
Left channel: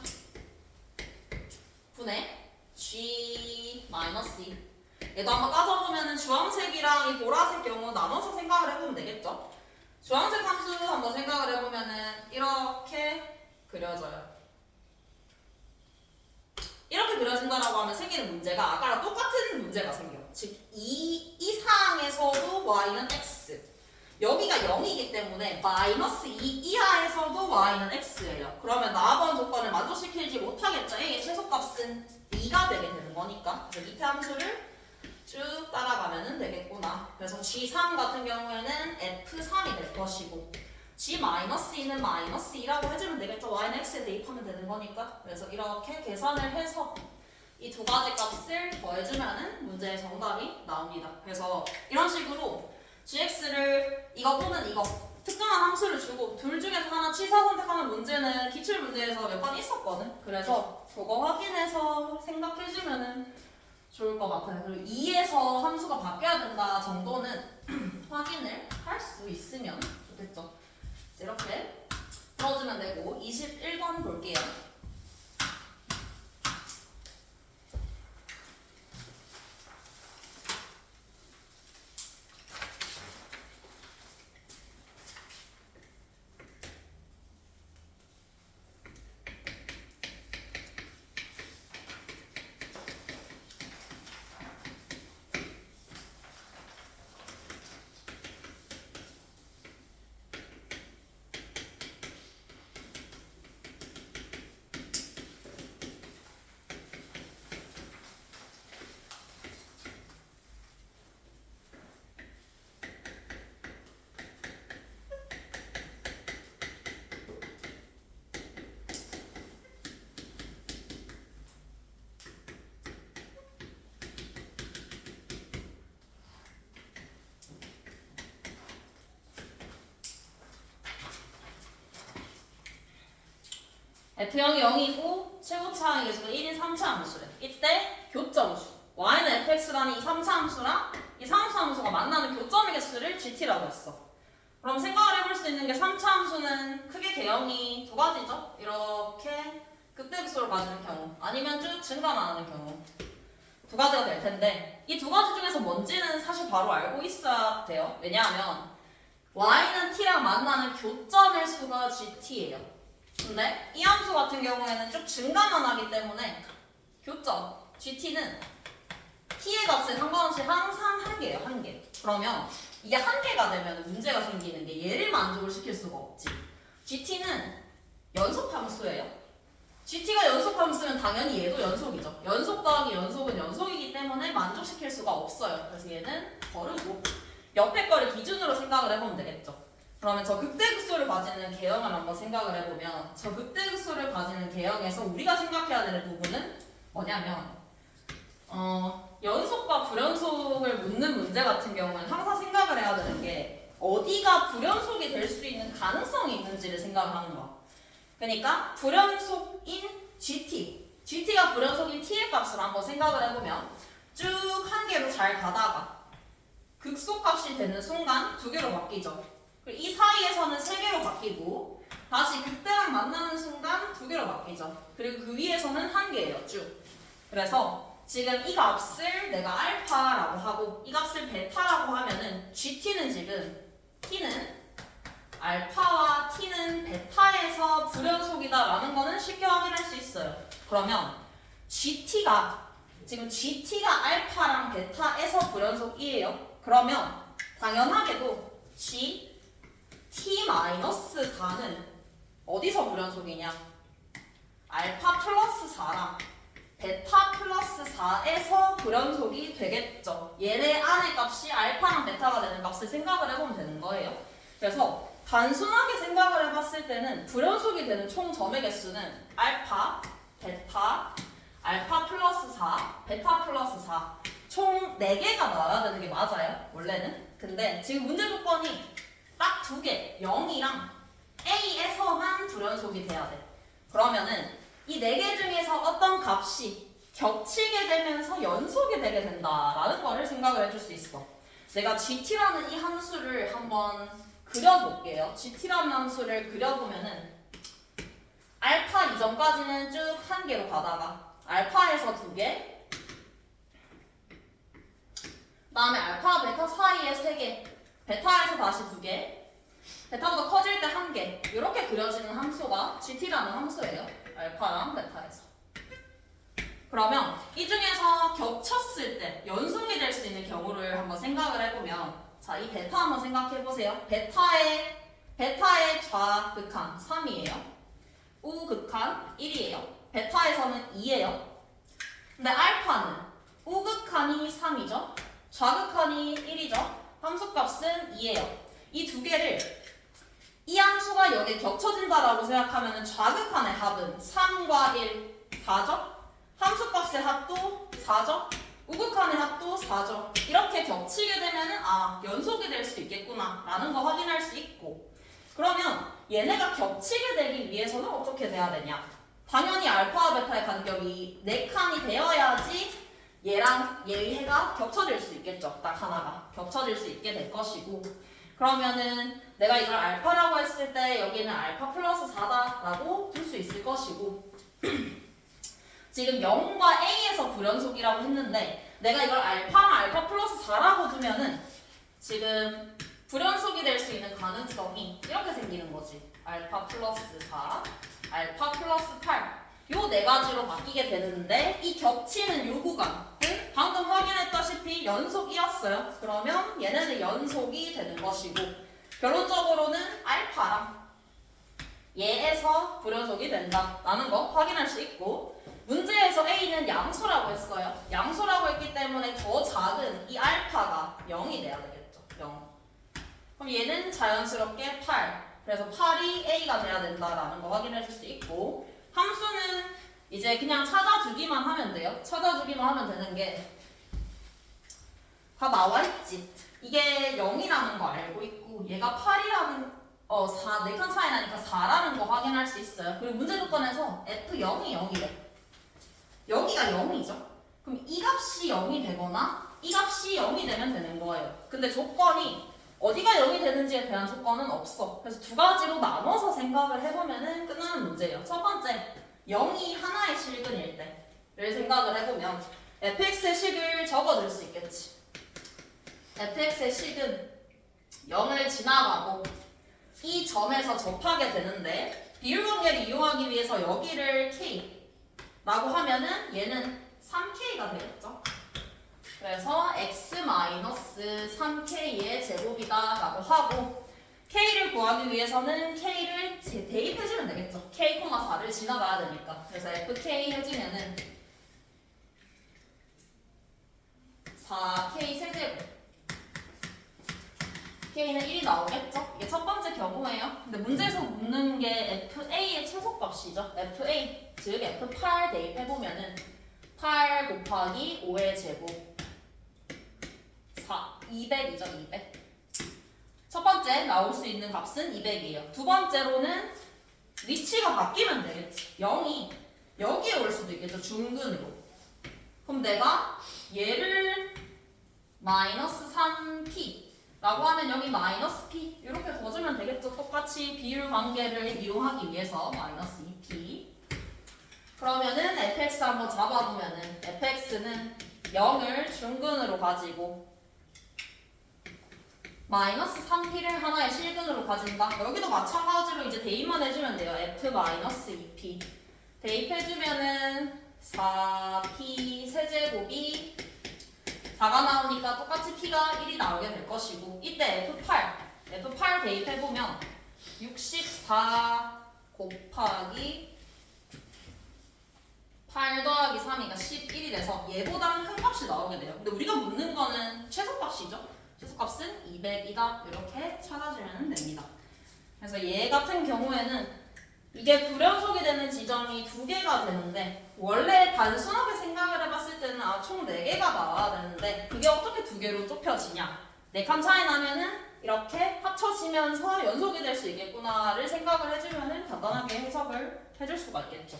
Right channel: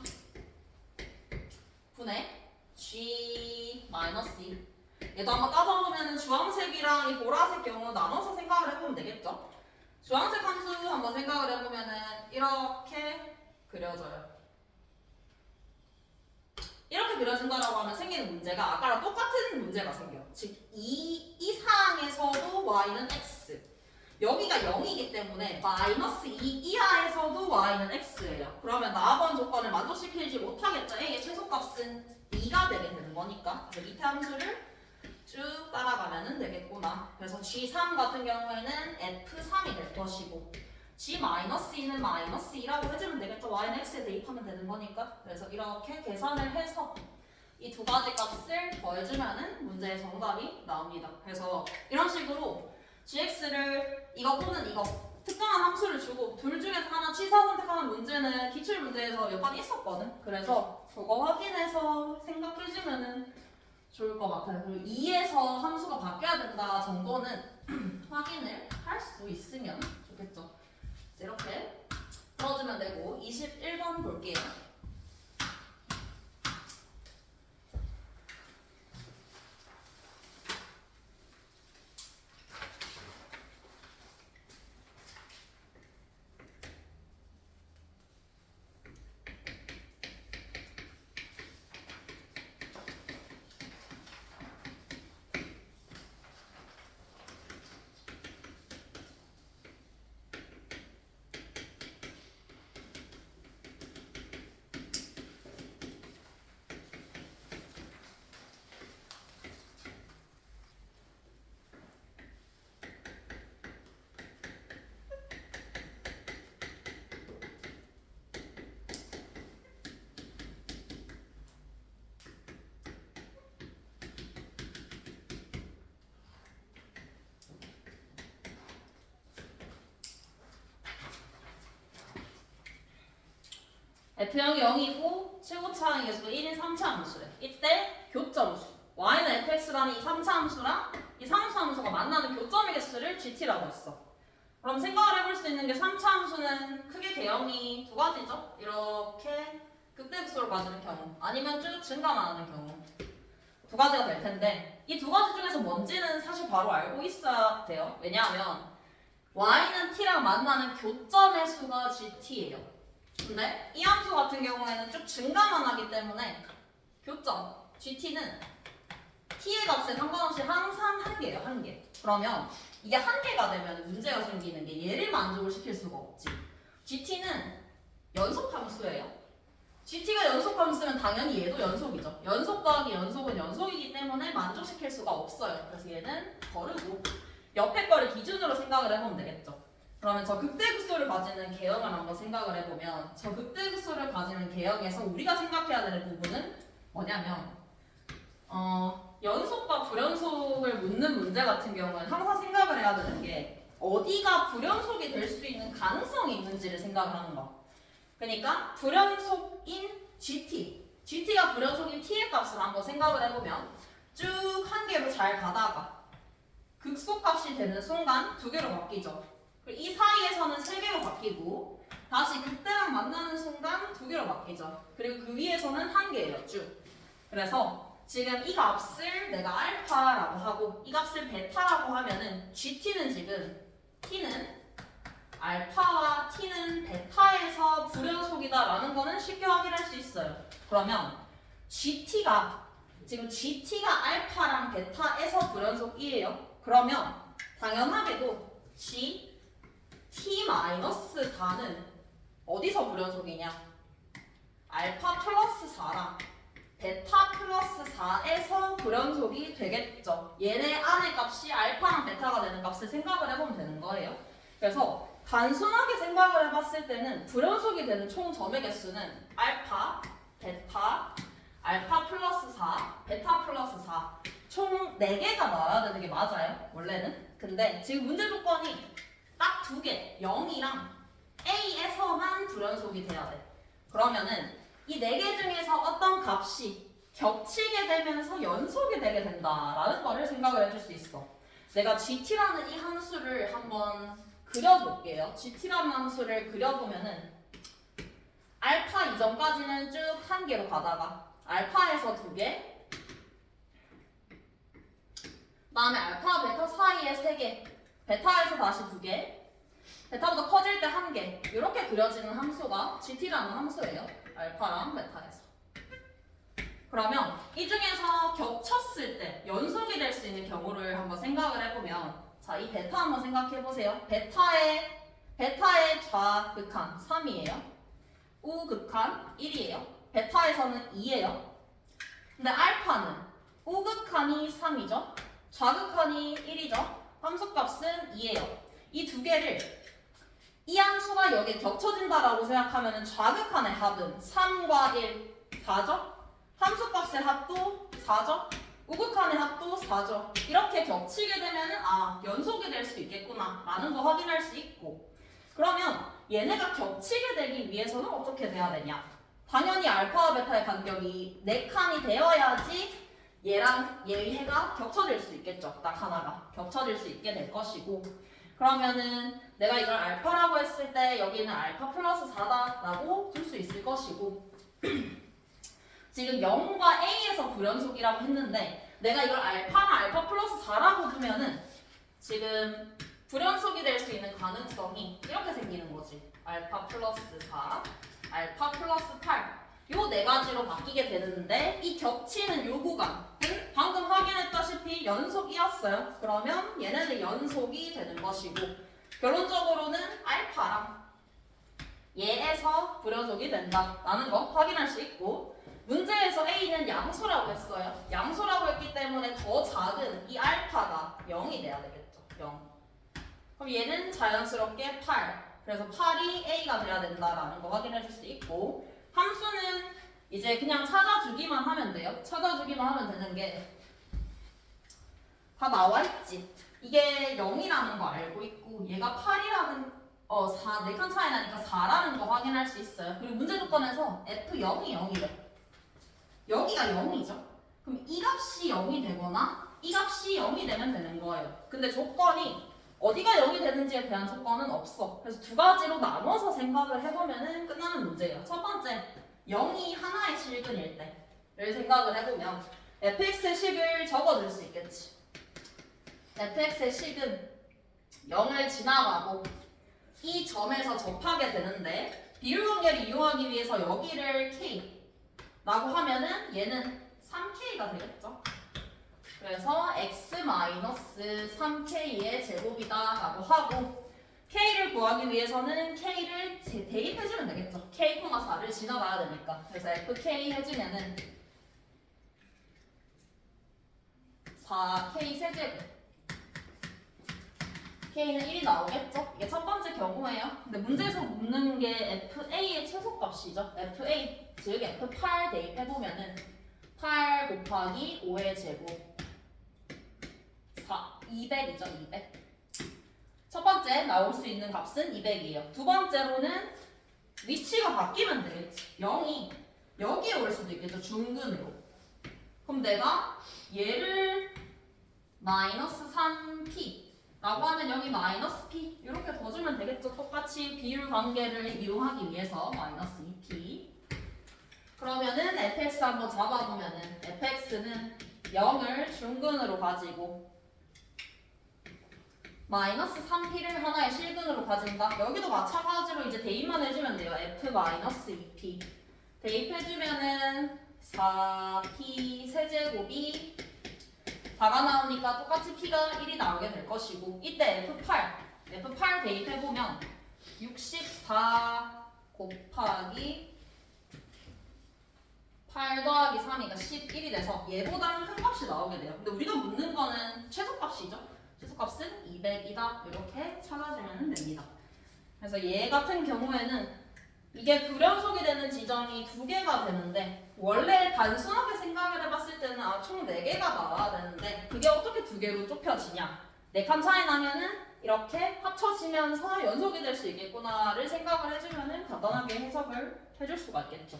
분의 g-2 얘도 한번 따져보면 주황색이랑 이 보라색 경우 나눠서 생각을 해보면 되겠죠. 주황색 함수 한번 생각을 해보면은 이렇게 그려져요. 이렇게 그려진다라고 하면 생기는 문제가 아까랑 똑같은 문제가 생겨요. 즉 2 이상에서도 y는 x, 여기가 0이기 때문에 마이너스 2 이하에서도 y는 x예요. 그러면 나번 조건을 만족시키지 못하겠죠. a의 최소값은 2가 되게 되는 거니까. 그래서 밑에 함수를 쭉 따라가면 되겠구나. 그래서 g3 같은 경우에는 f3이 될 것이고, g-2는 마이너스 2라고 해주면 되겠죠. y는 x에 대입하면 되는 거니까. 그래서 이렇게 계산을 해서 이 두 가지 값을 더해주면 문제의 정답이 나옵니다. 그래서 이런 식으로 gx를 이거 또는 이거 특정한 함수를 주고 둘 중에서 하나 취사 선택하는 문제는 기출문제에서 몇 번 있었거든. 그래서 그거 확인해서 생각해주면 좋을 것 같아요. 그리고 2에서 함수가 바뀌어야 된다 정도는 확인을 할 수 있으면 좋겠죠. 이렇게 풀어주면 되고, 21번 볼게요. F0이 0이고 최고차항의 계수가 1인 3차 함수래. 이때 교점수 y는 fx라는 이 3차 함수랑 이 3차 함수가 만나는 교점의 개수를 gt라고 했어. 그럼 생각을 해볼 수 있는 게 3차 함수는 크게 개형이 두 가지죠. 이렇게 극대극소를 가지는 경우 아니면 쭉 증가나는 경우 두 가지가 될 텐데 이 두 가지 중에서 뭔지는 사실 바로 알고 있어야 돼요. 왜냐하면 y는 t랑 만나는 교점의 수가 gt예요. 근데 이 함수 같은 경우에는 쭉 증가만 하기 때문에 교점 gt는 t의 값에 상관없이 항상 한 개예요. 한 개. 그러면 이게 한 개가 되면 문제가 생기는 게 얘를 만족을 시킬 수가 없지. gt는 연속 함수예요. gt가 연속 함수면 당연히 얘도 연속이죠. 연속 더하기 연속은 연속이기 때문에 만족시킬 수가 없어요. 그래서 얘는 버리고 옆에 거를 기준으로 생각을 해보면 되겠죠. 그러면 저 극대극소를 가지는 개형을 한번 생각을 해보면 저 극대극소를 가지는 개형에서 우리가 생각해야 되는 부분은 뭐냐면 연속과 불연속을 묻는 문제 같은 경우는 항상 생각을 해야 되는 게 어디가 불연속이 될 수 있는 가능성이 있는지를 생각하는 거야. 그러니까 불연속인 GT가 불연속인 T의 값을 한번 생각을 해보면 쭉 한 개로 잘 가다가 극소값이 되는 순간 두 개로 바뀌죠. 그리고 이 사이에서는 세 개로 바뀌고 다시 극대랑 만나는 순간 두 개로 바뀌죠. 그리고 그 위에서는 한 개예요. 쭉. 그래서 지금 이 값을 내가 알파라고 하고 이 값을 베타라고 하면은 GT는 지금 T는 알파와 T는 베타에서 불연속이다 라는 거는 쉽게 확인할 수 있어요. 그러면 GT가 알파랑 베타에서 불연속이에요. 그러면 당연하게도 T-4는 어디서 불연속이냐? 알파 플러스 4랑 베타 플러스 4에서 불연속이 되겠죠. 얘네 안의 값이 알파랑 베타가 되는 값을 생각을 해보면 되는 거예요. 그래서 단순하게 생각을 해봤을 때는 불연속이 되는 총 점의 개수는 알파, 베타, 알파 플러스 4, 베타 플러스 4 총 4개가 나와야 되는 게 맞아요. 원래는. 근데 지금 문제 조건이 딱 2개, 0이랑 A에서만 불연속이 돼야 돼. 그러면은 이 4개 중에서 어떤 값이 겹치게 되면서 연속이 되게 된다라는 거를 생각을 해줄 수 있어. 내가 GT라는 이 함수를 한번 그려볼게요. GT라는 함수를 그려보면은 알파 이전까지는 쭉 한 개로 가다가 알파에서 2개, 다음에 알파, 베타 사이에 3개, 베타에서 다시 2개, 베타보다 커질 때 1개 이렇게 그려지는 함수가 GT라는 함수예요. 알파랑 베타에서. 그러면 이 중에서 겹쳤을 때 연속이 될 수 있는 경우를 한번 생각을 해보면 자, 이 베타 한번 생각해보세요. 베타의 좌극한 3이에요. 우극한 1이에요. 베타에서는 2예요. 근데 알파는 우극한이 3이죠. 좌극한이 1이죠. 함수값은 2예요. 이 두 개를 이 함수가 여기 겹쳐진다라고 생각하면 좌극한의 합은 3과 1, 4죠? 함수값의 합도 4죠? 우극한의 합도 4죠? 이렇게 겹치게 되면은 연속이 될 수 있겠구나 라는 거 확인할 수 있고 그러면 얘네가 겹치게 되기 위해서는 어떻게 돼야 되냐? 당연히 알파와 베타의 간격이 4칸이 되어야지 얘랑 얘가 겹쳐질 수 있겠죠. 딱 하나가 겹쳐질 수 있게 될 것이고 그러면은 내가 이걸 알파라고 했을 때 여기는 알파 플러스 4다라고 둘 수 있을 것이고 지금 0과 A에서 불연속이라고 했는데 내가 이걸 알파랑 알파 플러스 4라고 두면은 지금 불연속이 될 수 있는 가능성이 이렇게 생기는 거지. 알파 플러스 4, 알파 플러스 8 요 4가지로 바뀌게 되는데 이 겹치는 요 구간을 방금 확인했다시피 연속이었어요. 그러면 얘네는 연속이 되는 것이고 결론적으로는 알파랑 얘에서 불연속이 된다라는 거 확인할 수 있고 문제에서 A는 양수라고 했어요. 양수라고 했기 때문에 더 작은 이 알파가 0이 돼야 되겠죠. 0. 그럼 얘는 자연스럽게 8. 그래서 8이 A가 돼야 된다라는 거 확인해 줄 수 있고 함수는 이제 그냥 찾아주기만 하면 돼요. 찾아주기만 하면 되는 게 다 나와 있지. 이게 0이라는 거 알고 있고 얘가 8이라는 4칸 차이 나니까 4라는 거 확인할 수 있어요. 그리고 문제 조건에서 F0이 0이래. 여기가 0이죠. 그럼 이 값이 0이 되거나 이 값이 0이 되면 되는 거예요. 근데 조건이 어디가 0이 되는지에 대한 조건은 없어. 그래서 두 가지로 나눠서 생각을 해보면 끝나는 문제예요. 첫 번째, 0이 하나의 실근일 때를 생각을 해보면 fx의 식을 적어줄 수 있겠지. fx의 식은 0을 지나가고 이 점에서 접하게 되는데 비율관계를 이용하기 위해서 여기를 k라고 하면은 얘는 3k가 되겠죠. 그래서 x-3k의 제곱이다 라고 하고 k를 구하기 위해서는 k를 대입해주면 되겠죠. k, 4를 지나가야 되니까. 그래서 fk 해주면은 4k 세제곱 k는 1이 나오겠죠? 이게 첫 번째 경우예요. 근데 문제에서 묻는 게 fa의 최소값이죠. fa, 즉 f8 대입해보면은 8 곱하기 5의 제곱 200이죠, 200. 첫 번째 나올 수 있는 값은 200이에요. 두 번째로는 위치가 바뀌면 되겠지. 0이 여기에 올 수도 있겠죠, 중근으로. 그럼 내가 얘를 마이너스 3p 라고 하면 여기 마이너스 p 이렇게 둬주면 되겠죠. 똑같이 비율 관계를 이용하기 위해서 마이너스 2p. 그러면은 fx 한번 잡아보면은 fx는 0을 중근으로 가지고 마이너스 3p를 하나의 실근으로 가진다. 여기도 마찬가지로 이제 대입만 해주면 돼요. f-2p 대입해주면은 4p 세제곱이 4가 나오니까 똑같이 p가 1이 나오게 될 것이고 이때 f8 대입해보면 64 곱하기 8 더하기 3이가 11이 돼서 얘보다 큰 값이 나오게 돼요. 근데 우리가 묻는 거는 최소값이죠. 최소값은 200이다. 이렇게 찾아주면 됩니다. 그래서 얘 같은 경우에는 이게 불연속이 되는 지점이 2개가 되는데 원래 단순하게 생각을 해봤을 때는 총 4개가 나와야 되는데 그게 어떻게 2개로 좁혀지냐. 4칸 차이 나면은 이렇게 합쳐지면서 연속이 될 수 있겠구나를 생각을 해주면 간단하게 해석을 해줄 수가 있겠죠.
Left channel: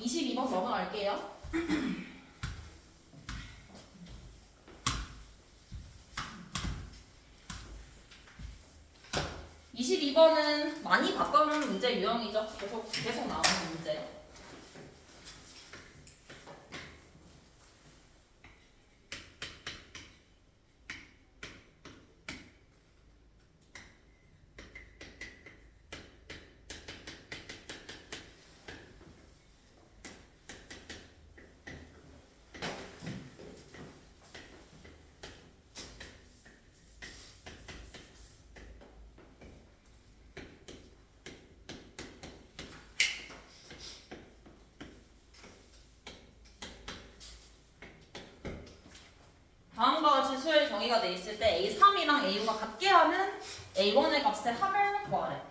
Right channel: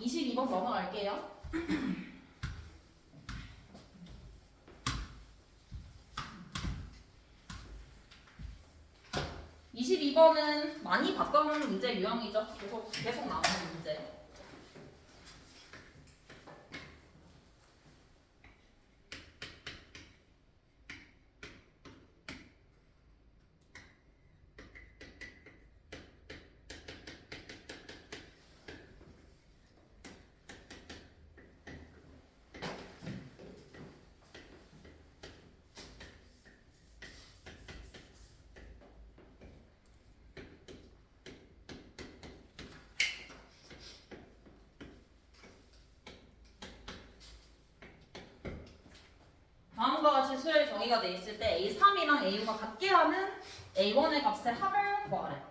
22번 넘어갈게요. 22번은 많이 봤던 문제 유형이죠. 계속 나오는 문제. 다음과 같이 수의 정의가 돼 있을 때 A3이랑 AU가 같게 하는 A1의 값의 합을 구하래.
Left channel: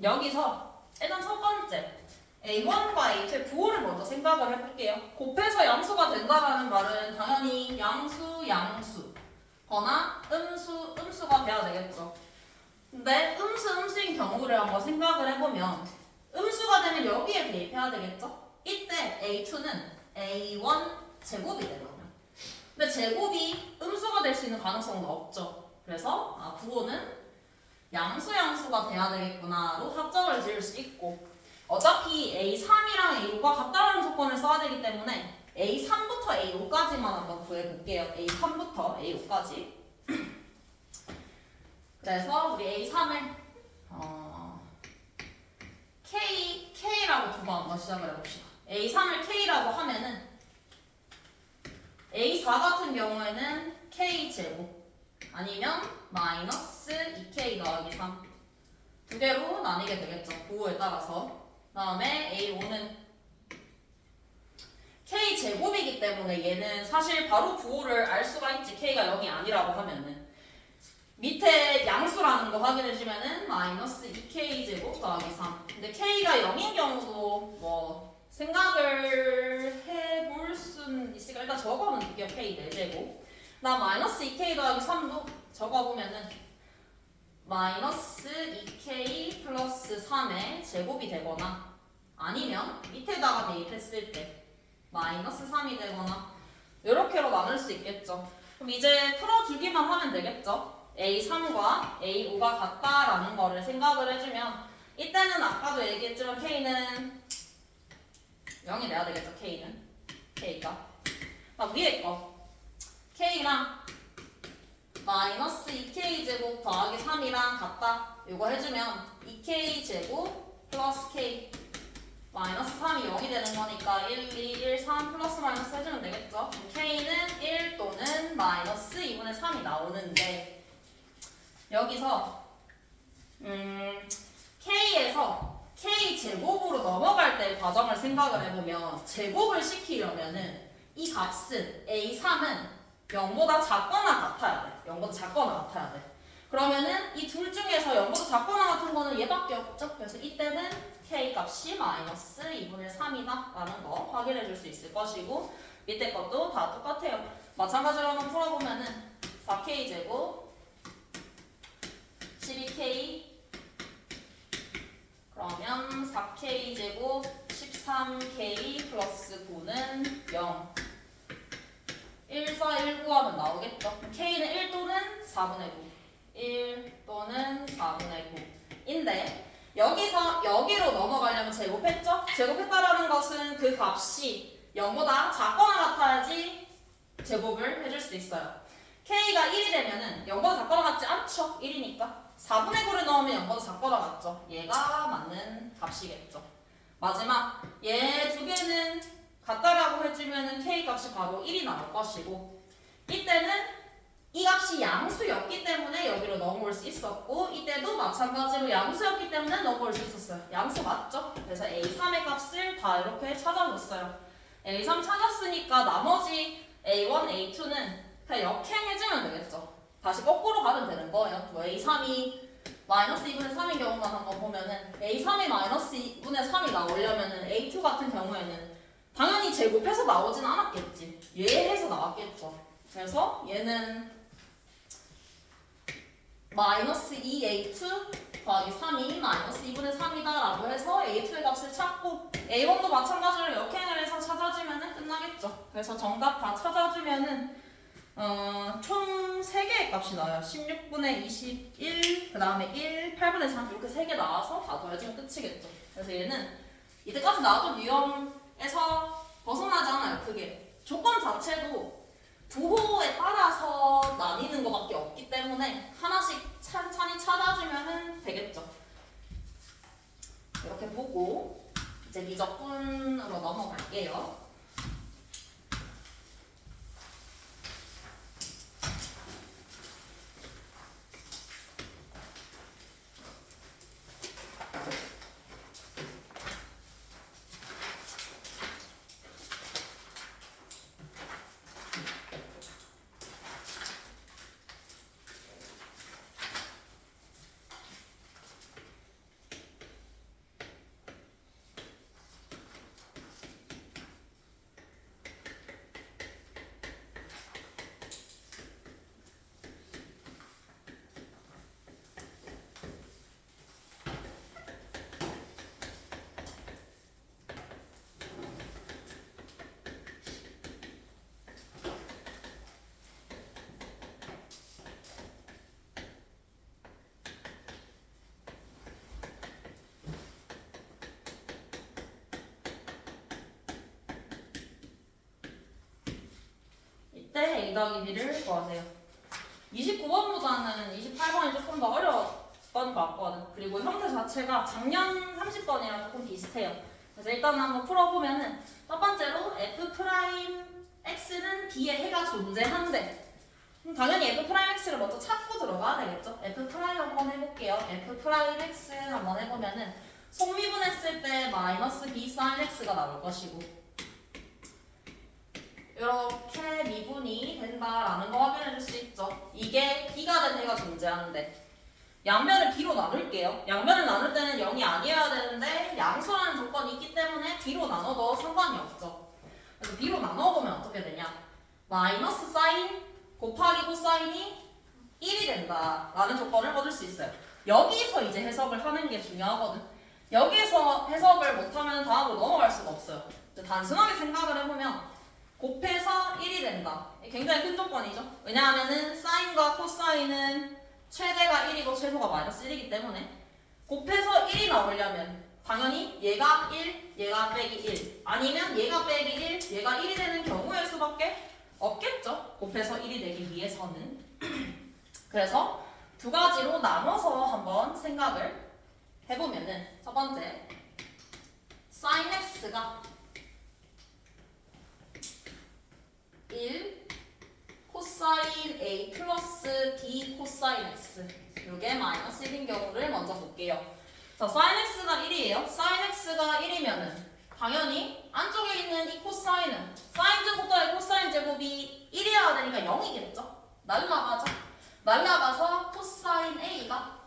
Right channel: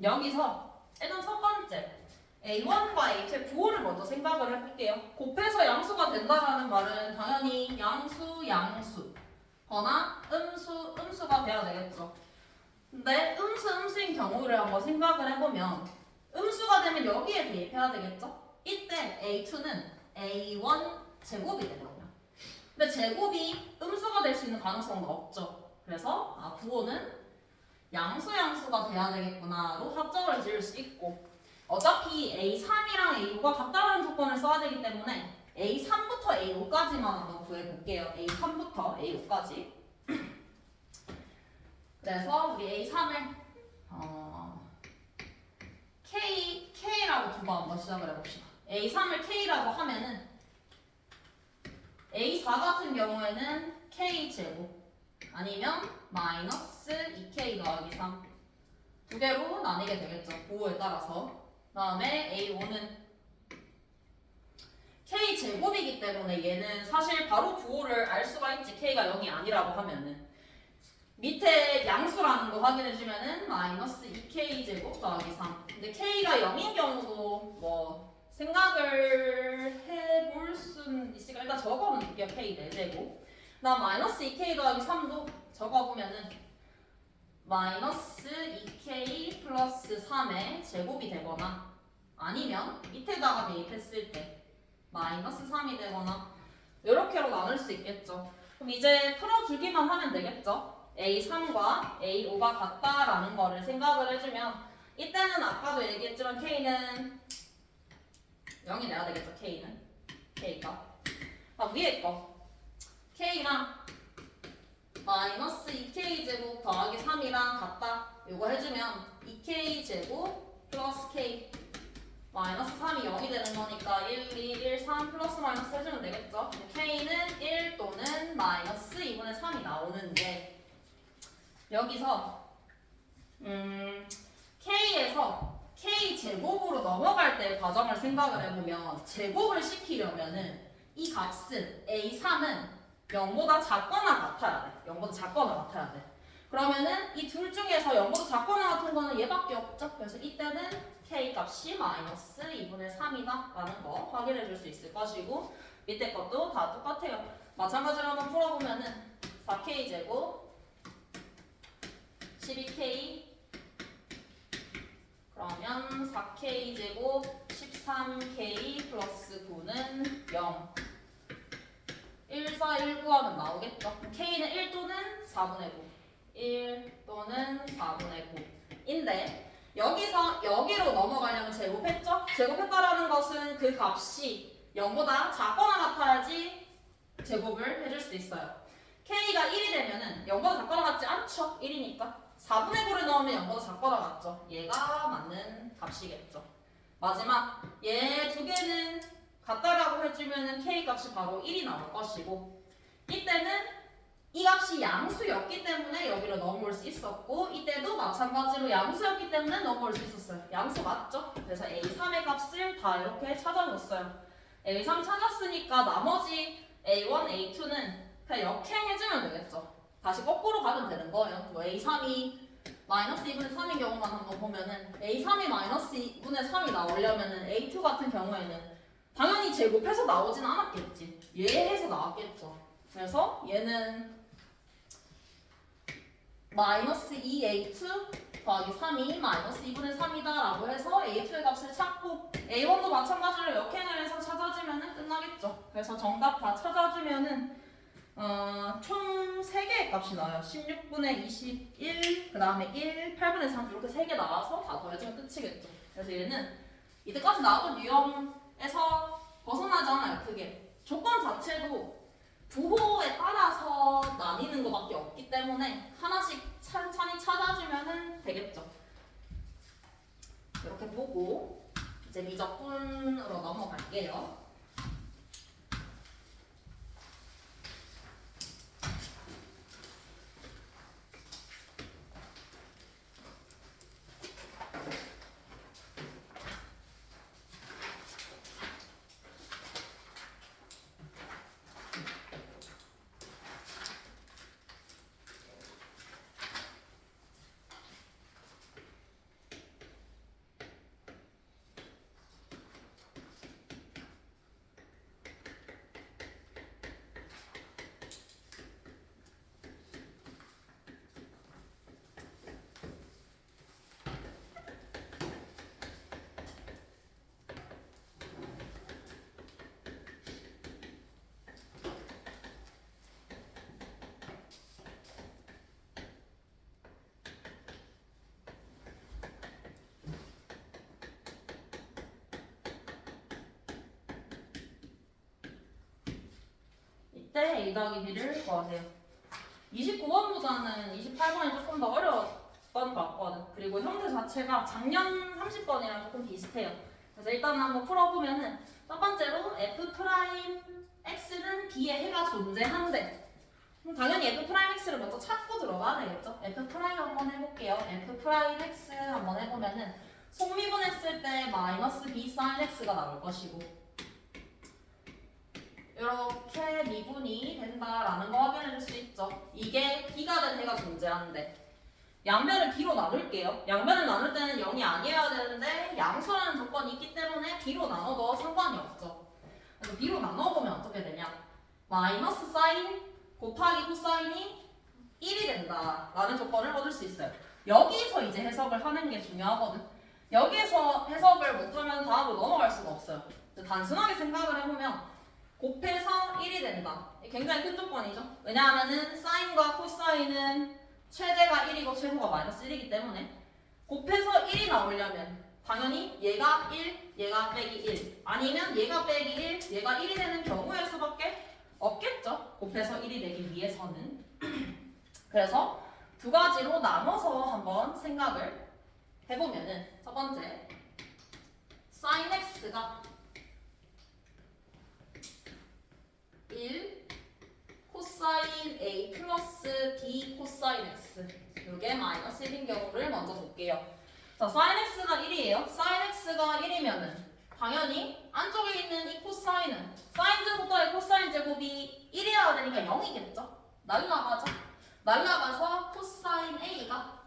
여기서 일단 첫 번째 A1과 A2의 부호를 먼저 생각을 해볼게요. 곱해서 양수가 된다라는 말은 당연히 양수거나 음수가 돼야 되겠죠. 근데 음수인 경우를 한번 생각을 해보면 음수가 되면 여기에 대입해야 되겠죠. 이때 A2는 A1 제곱이 되거든요. 근데 제곱이 음수가 될 수 있는 가능성은 없죠. 그래서 부호는 양수가 돼야 되겠구나로 확정을 지을 수 있고 어차피 A3이랑 AU가 같다는 조건을 써야 되기 때문에 A3부터 A5까지만 한번 구해볼게요. A3부터 A5까지. 그래서 우리 A3을 K라고 두고 한번 시작을 해봅시다. A3을 K라고 하면은 A4 같은 경우에는 K제곱 아니면 마이너스 2K 더하기 3 두 개로 나뉘게 되겠죠. 부호에 따라서. 그 다음에 A5는 K제곱이기 때문에 얘는 사실 바로 부호를 알 수가 있지. K가 0이 아니라고 하면은 밑에 양수라는 거 확인해주면은 마이너스 2K제곱 더하기 3 근데 K가 0인 경우도 뭐 생각을 해볼 수는 있으니까 일단 적어볼게요. K 4제곱 나 마이너스 2K 더하기 3도 적어보면은 마이너스 2k 플러스 3의 제곱이 되거나 아니면 밑에다가 대입했을 때 마이너스 3이 되거나 이렇게로 나눌 수 있겠죠. 그럼 이제 풀어주기만 하면 되겠죠. A3과 A5가 같다라는 거를 생각을 해주면 이때는 아까도 얘기했지만 K는 0이 돼야 되겠죠. K가 위에 거 K랑 마이너스 2K 제곱 더하기 3이랑 같다. 이거 해주면 2K 제곱 플러스 K 마이너스 3이 0이 되는 거니까 1, 2, 1, 3 플러스 마이너스 해주면 되겠죠. K는 1 또는 마이너스 2분의 3이 나오는데 여기서 K에서 K 제곱으로 넘어갈 때 과정을 생각을 해보면 제곱을 시키려면은 이 값은 A3은 0보다 작거나 같아야 돼. 0보다 작거나 같아야 돼. 그러면은 이 둘 중에서 0보다 작거나 같은 거는 얘밖에 없죠. 그래서 이때는 K 값이 마이너스 2분의 3이다 라는 거 확인해 줄 수 있을 것이고 밑에 것도 다 똑같아요. 마찬가지로 한번 풀어보면은 4K 제곱 12K 그러면 4K 제곱 13K 플러스 9는 0 1, 4, 1, 9 하면 나오겠죠. K는 1 또는 4분의 9 1 또는 4분의 9인데 여기서 여기로 넘어가려면 제곱했죠? 제곱했다라는 것은 그 값이 0보다 작거나 같아야지 제곱을 해줄 수 있어요. K가 1이 되면은 0보다 작거나 같지 않죠? 1이니까 4분의 9를 넣으면 0보다 작거나 같죠? 얘가 맞는 값이겠죠. 마지막 얘 두 개는 같다라고 해주면은 K 값이 바로 1이 나올 것이고 이때는 이 값이 양수였기 때문에 여기로 넘어올 수 있었고 이때도 마찬가지로 양수였기 때문에 넘어올 수 있었어요. 양수 맞죠? 그래서 A3의 값을 다 이렇게 찾아줬어요. A3 찾았으니까 나머지 A1, A2는 그냥 역행해주면 되겠죠. 다시 거꾸로 가면 되는 거예요. 뭐 A3이 마이너스 2분의 3인 경우만 한번 보면은 A3이 마이너스 2분의 3이 나오려면은 A2 같은 경우에는 당연히 제곱해서 나오진 않았겠지. 얘 해서 나왔겠죠. 그래서 얘는 마이너스 2A2 더하기 3이 마이너스 2분의 3이다 라고 해서 A2의 값을 찾고 A1도 마찬가지로 역행을 해서 찾아주면 끝나겠죠. 그래서 정답 다 찾아주면은 총 3개의 값이 나와요. 16분의 21, 그 다음에 1, 8분의 3 이렇게 3개 나와서 다 더해주면 끝이겠죠. 그래서 얘는 이때까지 나왔던 유형에서 벗어나지 않아요. 그게 조건 자체도 부호에 따라서 나뉘는 것밖에 없기 때문에 하나씩 천천히 찾아주면 되겠죠. 이렇게 보고 이제 미적분으로 넘어갈게요. A 더하기 B를 구하세요. 29번보다는 28번이 조금 더 어려웠던 것 같거든. 그리고 형태 자체가 작년 30번이랑 조금 비슷해요. 그래서 일단 한번 풀어보면은 첫 번째로 F'X는 B에 해가 존재한대. 그럼 당연히 F'X를 먼저 찾고 들어가야 되겠죠? F'X 한번 해볼게요. F'X 한번 해보면은 속미분했을 때 마이너스 B sin X가 나올 것이고 이렇게 미분이 된다라는 거 확인해 줄 수 있죠. 이게 B가 된 해가 존재하는데 양면을 B로 나눌게요. 양면을 나눌 때는 0이 아니어야 되는데 양수라는 조건이 있기 때문에 B로 나눠도 상관이 없죠. 그래서 B로 나눠보면 어떻게 되냐. 마이너스 사인 곱하기 코사인이 1이 된다라는 조건을 얻을 수 있어요. 여기서 이제 해석을 하는 게 중요하거든. 여기에서 해석을 못하면 다음으로 넘어갈 수가 없어요. 단순하게 생각을 해보면 곱해서 1이 된다. 굉장히 큰 조건이죠. 왜냐하면은 사인과 코사인은 최대가 1이고 최소가 마이너스 1이기 때문에 곱해서 1이 나오려면 당연히 얘가 1, 얘가 빼기 1 아니면 얘가 빼기 1, 얘가 1이 되는 경우일 수밖에 없겠죠. 곱해서 1이 되기 위해서는. 그래서 두 가지로 나눠서 한번 생각을 해보면은 첫 번째 sin x가 1 코사인 a 플러스 b 코사인 x 이게 마이너스 1인 경우를 먼저 볼게요. 자, sin x가 1이에요. sin x가 1이면은 당연히 안쪽에 있는 이 코사인은 사인 제곱 더하기 코사인 제곱이 1이어야 되니까 0이겠죠? 날라가죠? 날라가서 코사인 a가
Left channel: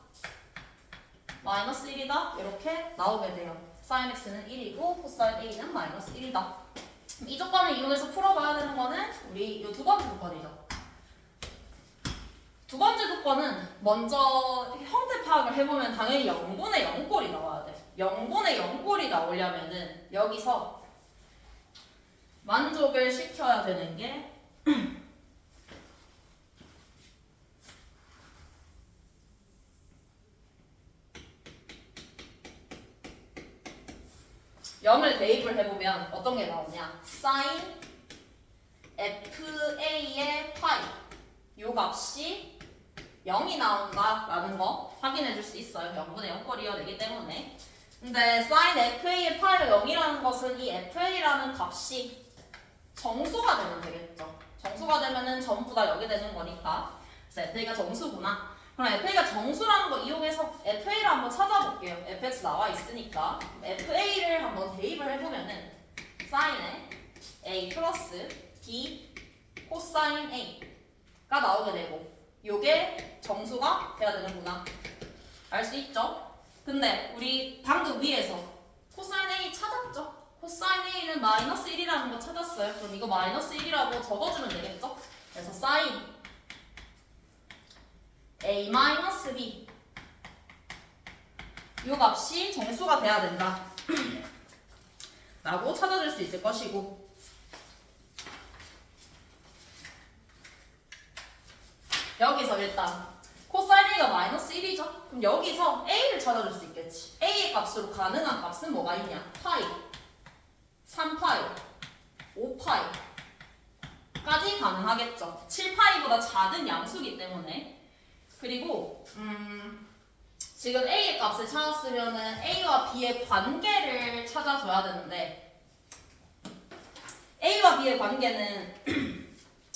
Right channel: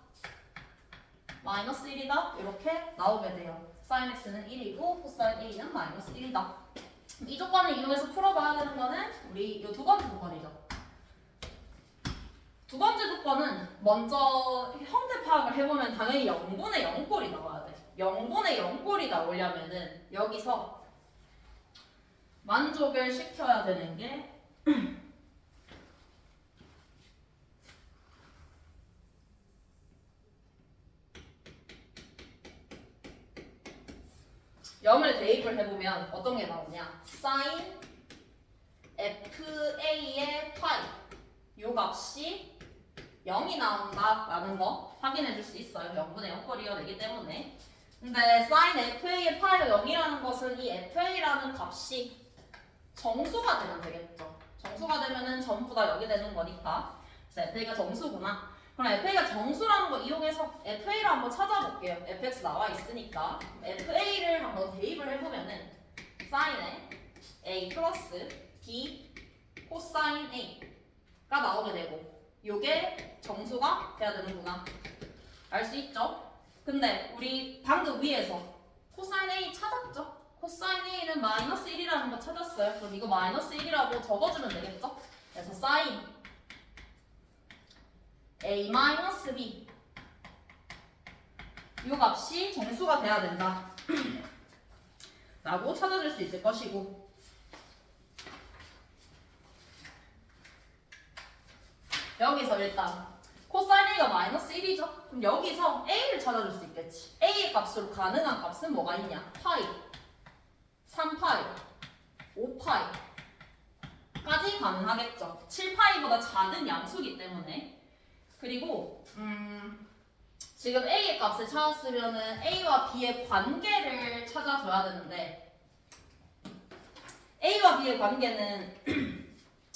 마이너스 1이다 이렇게 나오게 돼요. sin x는 1이고 코사인 a는 마이너스 1이다. 이 조건을 이용해서 풀어봐야 되는 거는 우리 이 두 번째 조건이죠. 두 번째 조건은 먼저 형태 파악을 해보면 당연히 0분의 0꼴이 나와야 돼. 0분의 0꼴이 나오려면은 여기서 만족을 시켜야 되는 게 0을 대입을 해보면 어떤 게 나오냐? sin fa의 파이 요 값이 0이 나온다라는 거 확인해 줄 수 있어요. 0분의 0꼴이어야 되기 때문에. 근데 sin fa의 파이가 0이라는 것은 이 fa라는 값이 정수가 되면 되겠죠. 정수가 되면은 전부 다 0이 되는 거니까. 그래서 fa가 정수구나. 그럼 fa가 정수라는 거 이용해서 fa를 한번 찾아볼게요. fx 나와 있으니까 fa를 한번 대입을 해보면은 sin의 a 플러스 b 코사인 a가 나오게 되고 요게 정수가 돼야 되는구나. 알 수 있죠? 근데 우리 방금 위에서 코사인 a 찾았죠? 코사인 a는 마이너스 1이라는 거 찾았어요. 그럼 이거 마이너스 1이라고 적어주면 되겠죠? 그래서 sin a 마이너스 b 요 값이 정수가 돼야 된다 라고 찾아줄 수 있을 것이고 여기서 일단 코사인 a가 마이너스 1이죠? 그럼 여기서 a를 찾아줄 수 있겠지. a의 값으로 가능한 값은 뭐가 있냐? 파이, 3파이, 5파이까지 가능하겠죠. 7파이보다 작은 양수기 때문에. 그리고 지금 a의 값을 찾았으면은 a와 b의 관계를 찾아줘야 되는데 a와 b의 관계는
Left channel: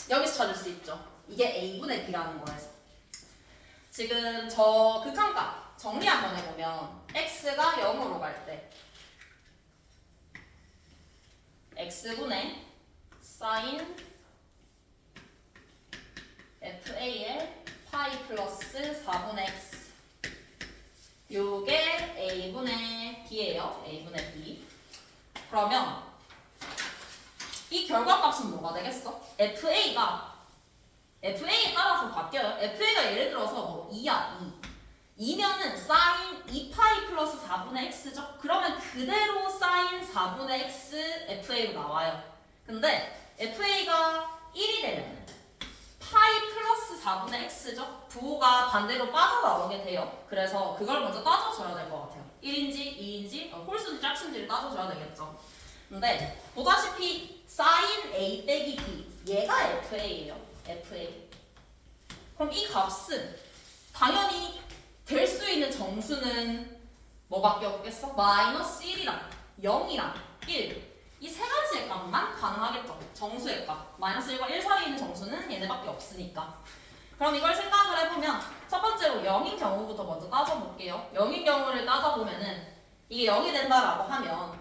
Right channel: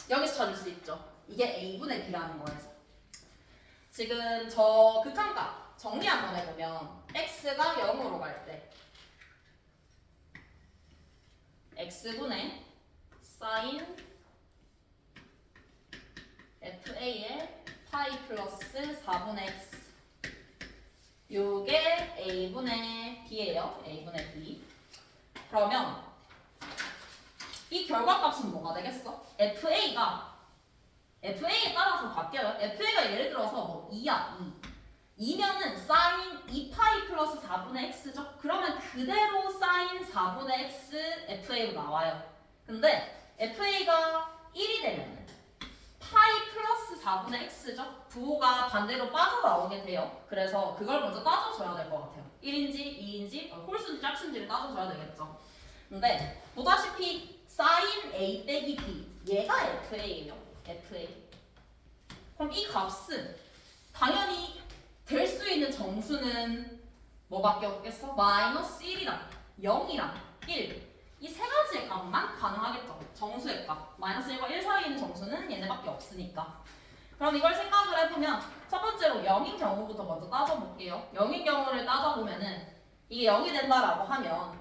여기서 찾을 수 있죠. 이게 a분의 b라는 거에서. 지금 저 극한값 정리 한번 해보면 x가 0으로 갈 때 x분의 sin fa의 파이 플러스 4분의 x 요게 a분의 b예요. a분의 b. 그러면 이 결과값은 뭐가 되겠어? FA에 따라서 바뀌어요. FA가 예를 들어서 뭐 2야, 2. 2면은 sin 2파이 플러스 4분의 x죠. 그러면 그대로 sin 4분의 x FA로 나와요. 근데 FA가 1이 되면 파이 플러스 4분의 x죠. 부호가 반대로 빠져나오게 돼요. 그래서 그걸 먼저 따져줘야 될 것 같아요. 1인지 2인지 홀수인지 짝수인지를 따져줘야 되겠죠. 근데 보다시피 sin a 빼기 b 얘가 FA예요. FA. 그럼 이 값은 당연히 될 수 있는 정수는 뭐밖에 없겠어? 마이너스 1이랑 0이랑 1 이 세 가지의 값만 가능하겠죠. 정수의 값 마이너스 1과 1 사이에 있는 정수는 얘네밖에 없으니까. 그럼 이걸 생각을 해보면 첫 번째로 0인 경우부터 먼저 따져볼게요. 0인 경우를 따져보면은 이게 0이 된다라고 하면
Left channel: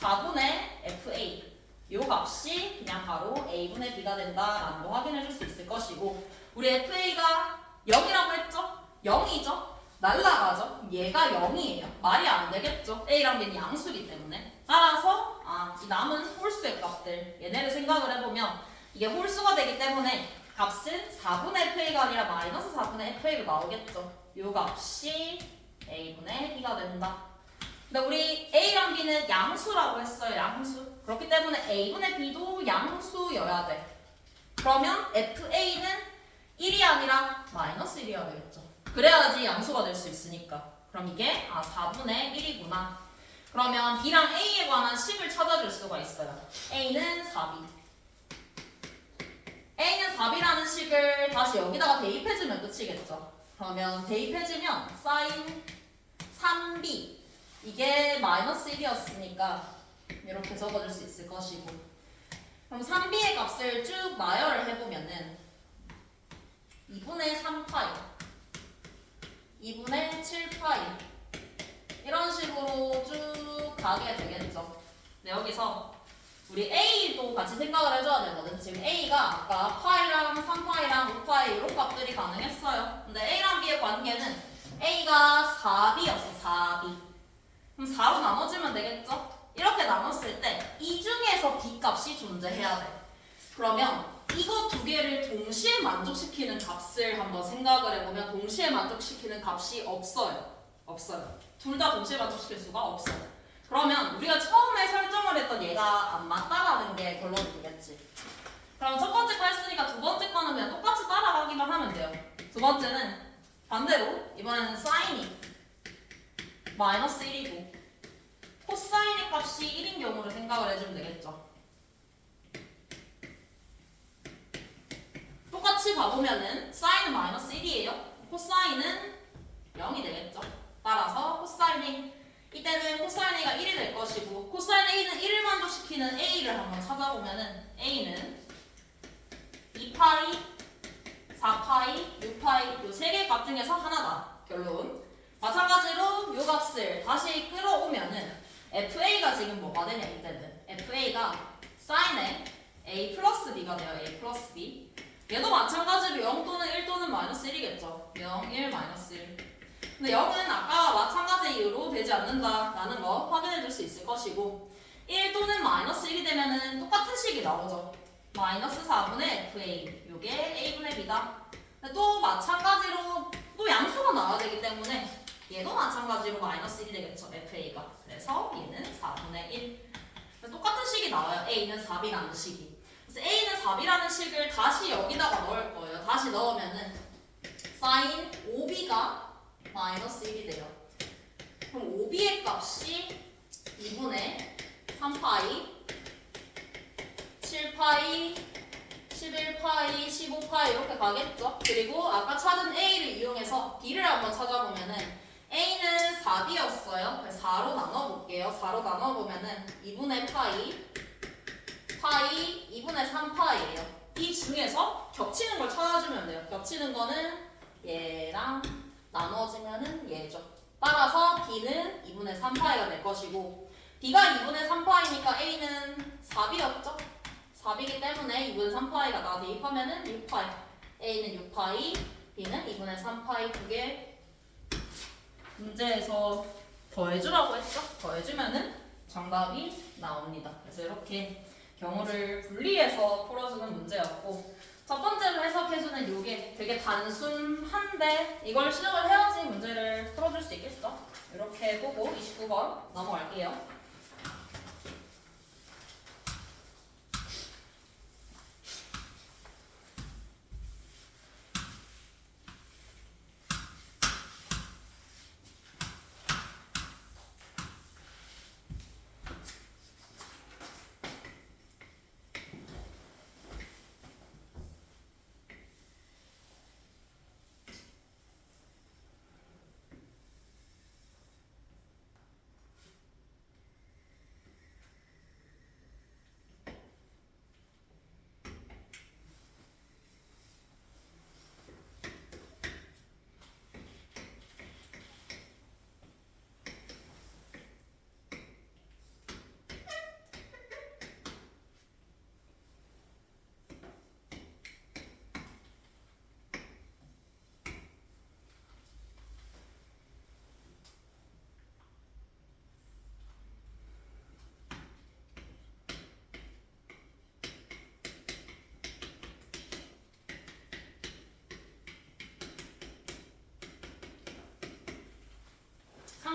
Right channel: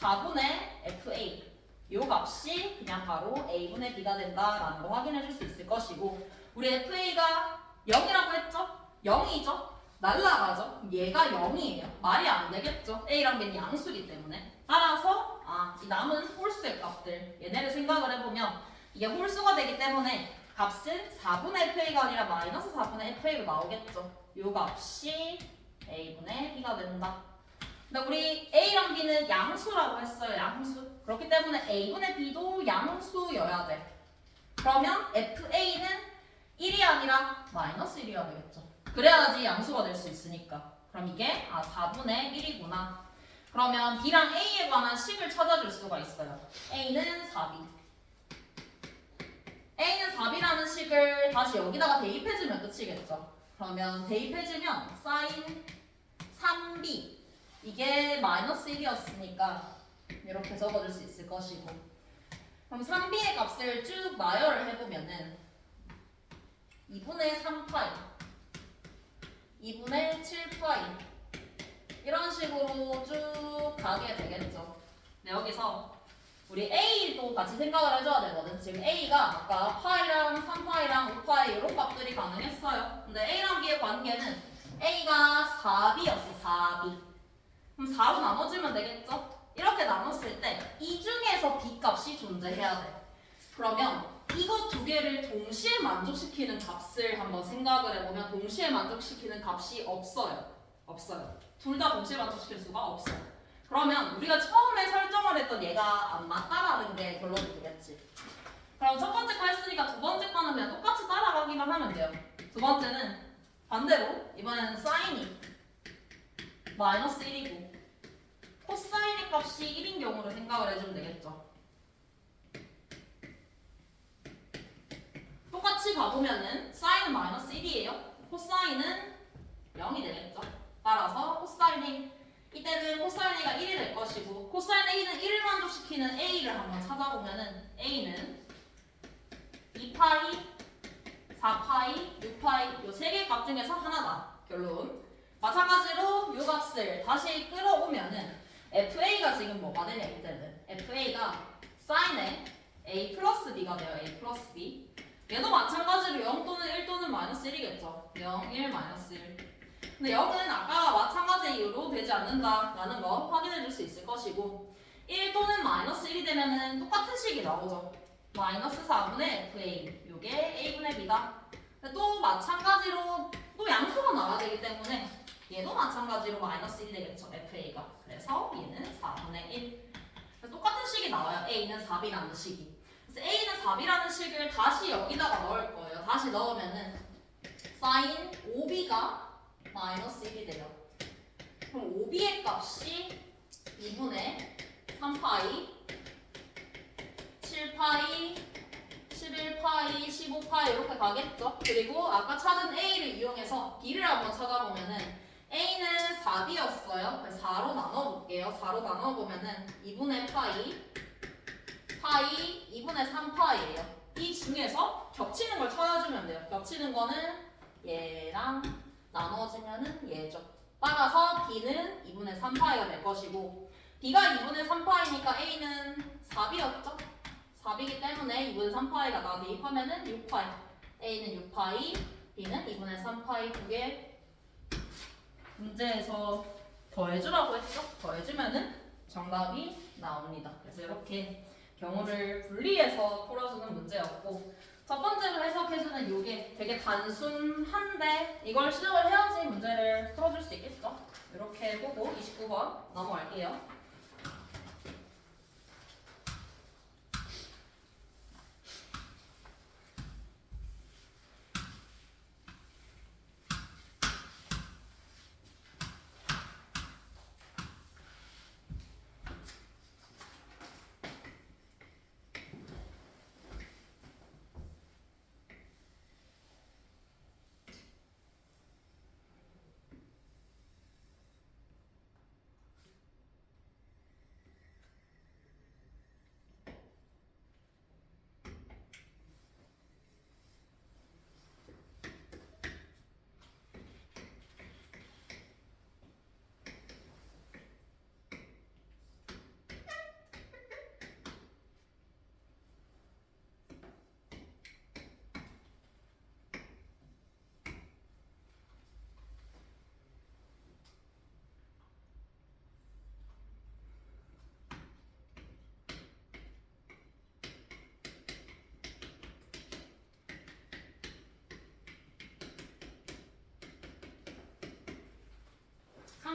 4분의 FA 요 값이 그냥 바로 a분의 b가 된다라는 거 확인해 줄 수 있을 것이고 우리 FA가 0이라고 했죠? 0이죠? 날라가죠? 얘가 0이에요. 말이 안 되겠죠? a랑 b는 양수기 때문에 따라서 이 남은 홀수의 값들 얘네를 생각을 해보면 이게 홀수가 되기 때문에 값은 4분의 FA가 아니라 마이너스 4분의 FA로 나오겠죠. 요 값이 A분의 B가 된다. 근데 우리 A랑 B는 양수라고 했어요. 양수. 그렇기 때문에 A분의 B도 양수여야 돼. 그러면 FA는 1이 아니라 마이너스 1이어야 되겠죠. 그래야지 양수가 될 수 있으니까. 그럼 이게 4분의 1이구나. 그러면 B랑 A에 관한 식을 찾아줄 수가 있어요. A는 4B. A는 4B라는 식을 다시 여기다가 대입해주면 끝이겠죠. 그러면 대입해주면 sin 3B. 이게 마이너스 1이었으니까 이렇게 적어줄 수 있을 것이고. 그럼 3B의 값을 쭉 나열을 해보면은 2분의 3파이, 2분의 7파이 이런 식으로 쭉 가게 되겠죠. 근데 여기서 우리 A도 같이 생각을 해줘야 되거든. 지금 A가 아까 파이랑 3파이랑 5파이 이런 값들이 가능했어요. 근데 A랑 B의 관계는 A가 4B였어. 4B. 그럼 4로 나눠주면 되겠죠? 이렇게 나눴을 때 이 중에서 B 값이 존재해야 돼. 그러면 이거 두 개를 동시에 만족시키는 값을 한번 생각을 해보면 동시에 만족시키는 값이 없어요. 없어요. 둘 다 동시에 만족시킬 수가 없어요. 그러면 우리가 처음에 설정을 했던 얘가 안 맞다라는 게 결론이 되겠지. 그럼 첫 번째 거 했으니까 두 번째 거는 그냥 똑같이 따라가기만 하면 돼요. 두 번째는 반대로 이번에는 사인이 마이너스 1이고 코사인의 값이 1인 경우를 생각을 해주면 되겠죠. 똑같이 봐보면은 사인은 마이너스 1이에요. 코사인은 0이 되겠죠. 따라서 코사인이 이때는 코사인 A가 1이 될 것이고 코사인 A는 1을 만족시키는 A를 한번 찾아보면은 A는 2파이, 4파이, 6파이 요 세 개 값 중에서 하나다. 결론. 마찬가지로 요 값을 다시 끌어오면은 FA가 지금 뭐가 되냐 이때는 FA가 사인의 A 플러스 B가 돼요. A 플러스 B. 얘도 마찬가지로 0 또는 1 또는 마이너스 1이겠죠. 0, 1, 마이너스 1. 근데 0은 아까와 마찬가지 이유로 되지 않는다라는 거 확인해 줄 수 있을 것이고 1 또는 마이너스 1이 되면은 똑같은 식이 나오죠. 마이너스 4분의 FA. 요게 A분의 B다. 근데 또 마찬가지로 또 양수가 나와야 되기 때문에 얘도 마찬가지로 마이너스 1이 되겠죠. FA가. 그래서 얘는 4분의 1. 똑같은 식이 나와요. A는 4B라는 식이. 그래서 A는 4B라는 식을 다시 여기다가 넣을 거예요. 다시 넣으면은 sin 5B가 마이너스 1이 돼요. 그럼 5B의 값이 2분의 3파이, 7파이, 11파이, 15파이 이렇게 가겠죠. 그리고 아까 찾은 A를 이용해서 B를 한번 찾아보면은 A는 4B였어요. 4로 나눠볼게요. 4로 나눠보면은 2분의 파이, 파이, 2분의 3파이예요. 이 중에서 겹치는 걸 찾아주면 돼요. 겹치는 거는 얘랑 나눠지면은 얘죠. 따라서 B는 2분의 3파이가 될 것이고 B가 2분의 3파이니까 A는 4B였죠? 4B이기 때문에 2분의 3파이가 나 대입하면은 6파이. A는 6파이, B는 2분의 3파이 두 개. 문제에서 더해주라고 했죠? 더해주면은 정답이 나옵니다. 그래서 이렇게 경우를 분리해서 풀어주는 문제였고 첫 번째로 해석해주는 요게 되게 단순한데 이걸 시작을 해야지 문제를 풀어줄 수 있겠죠? 이렇게 보고 29번 넘어갈게요.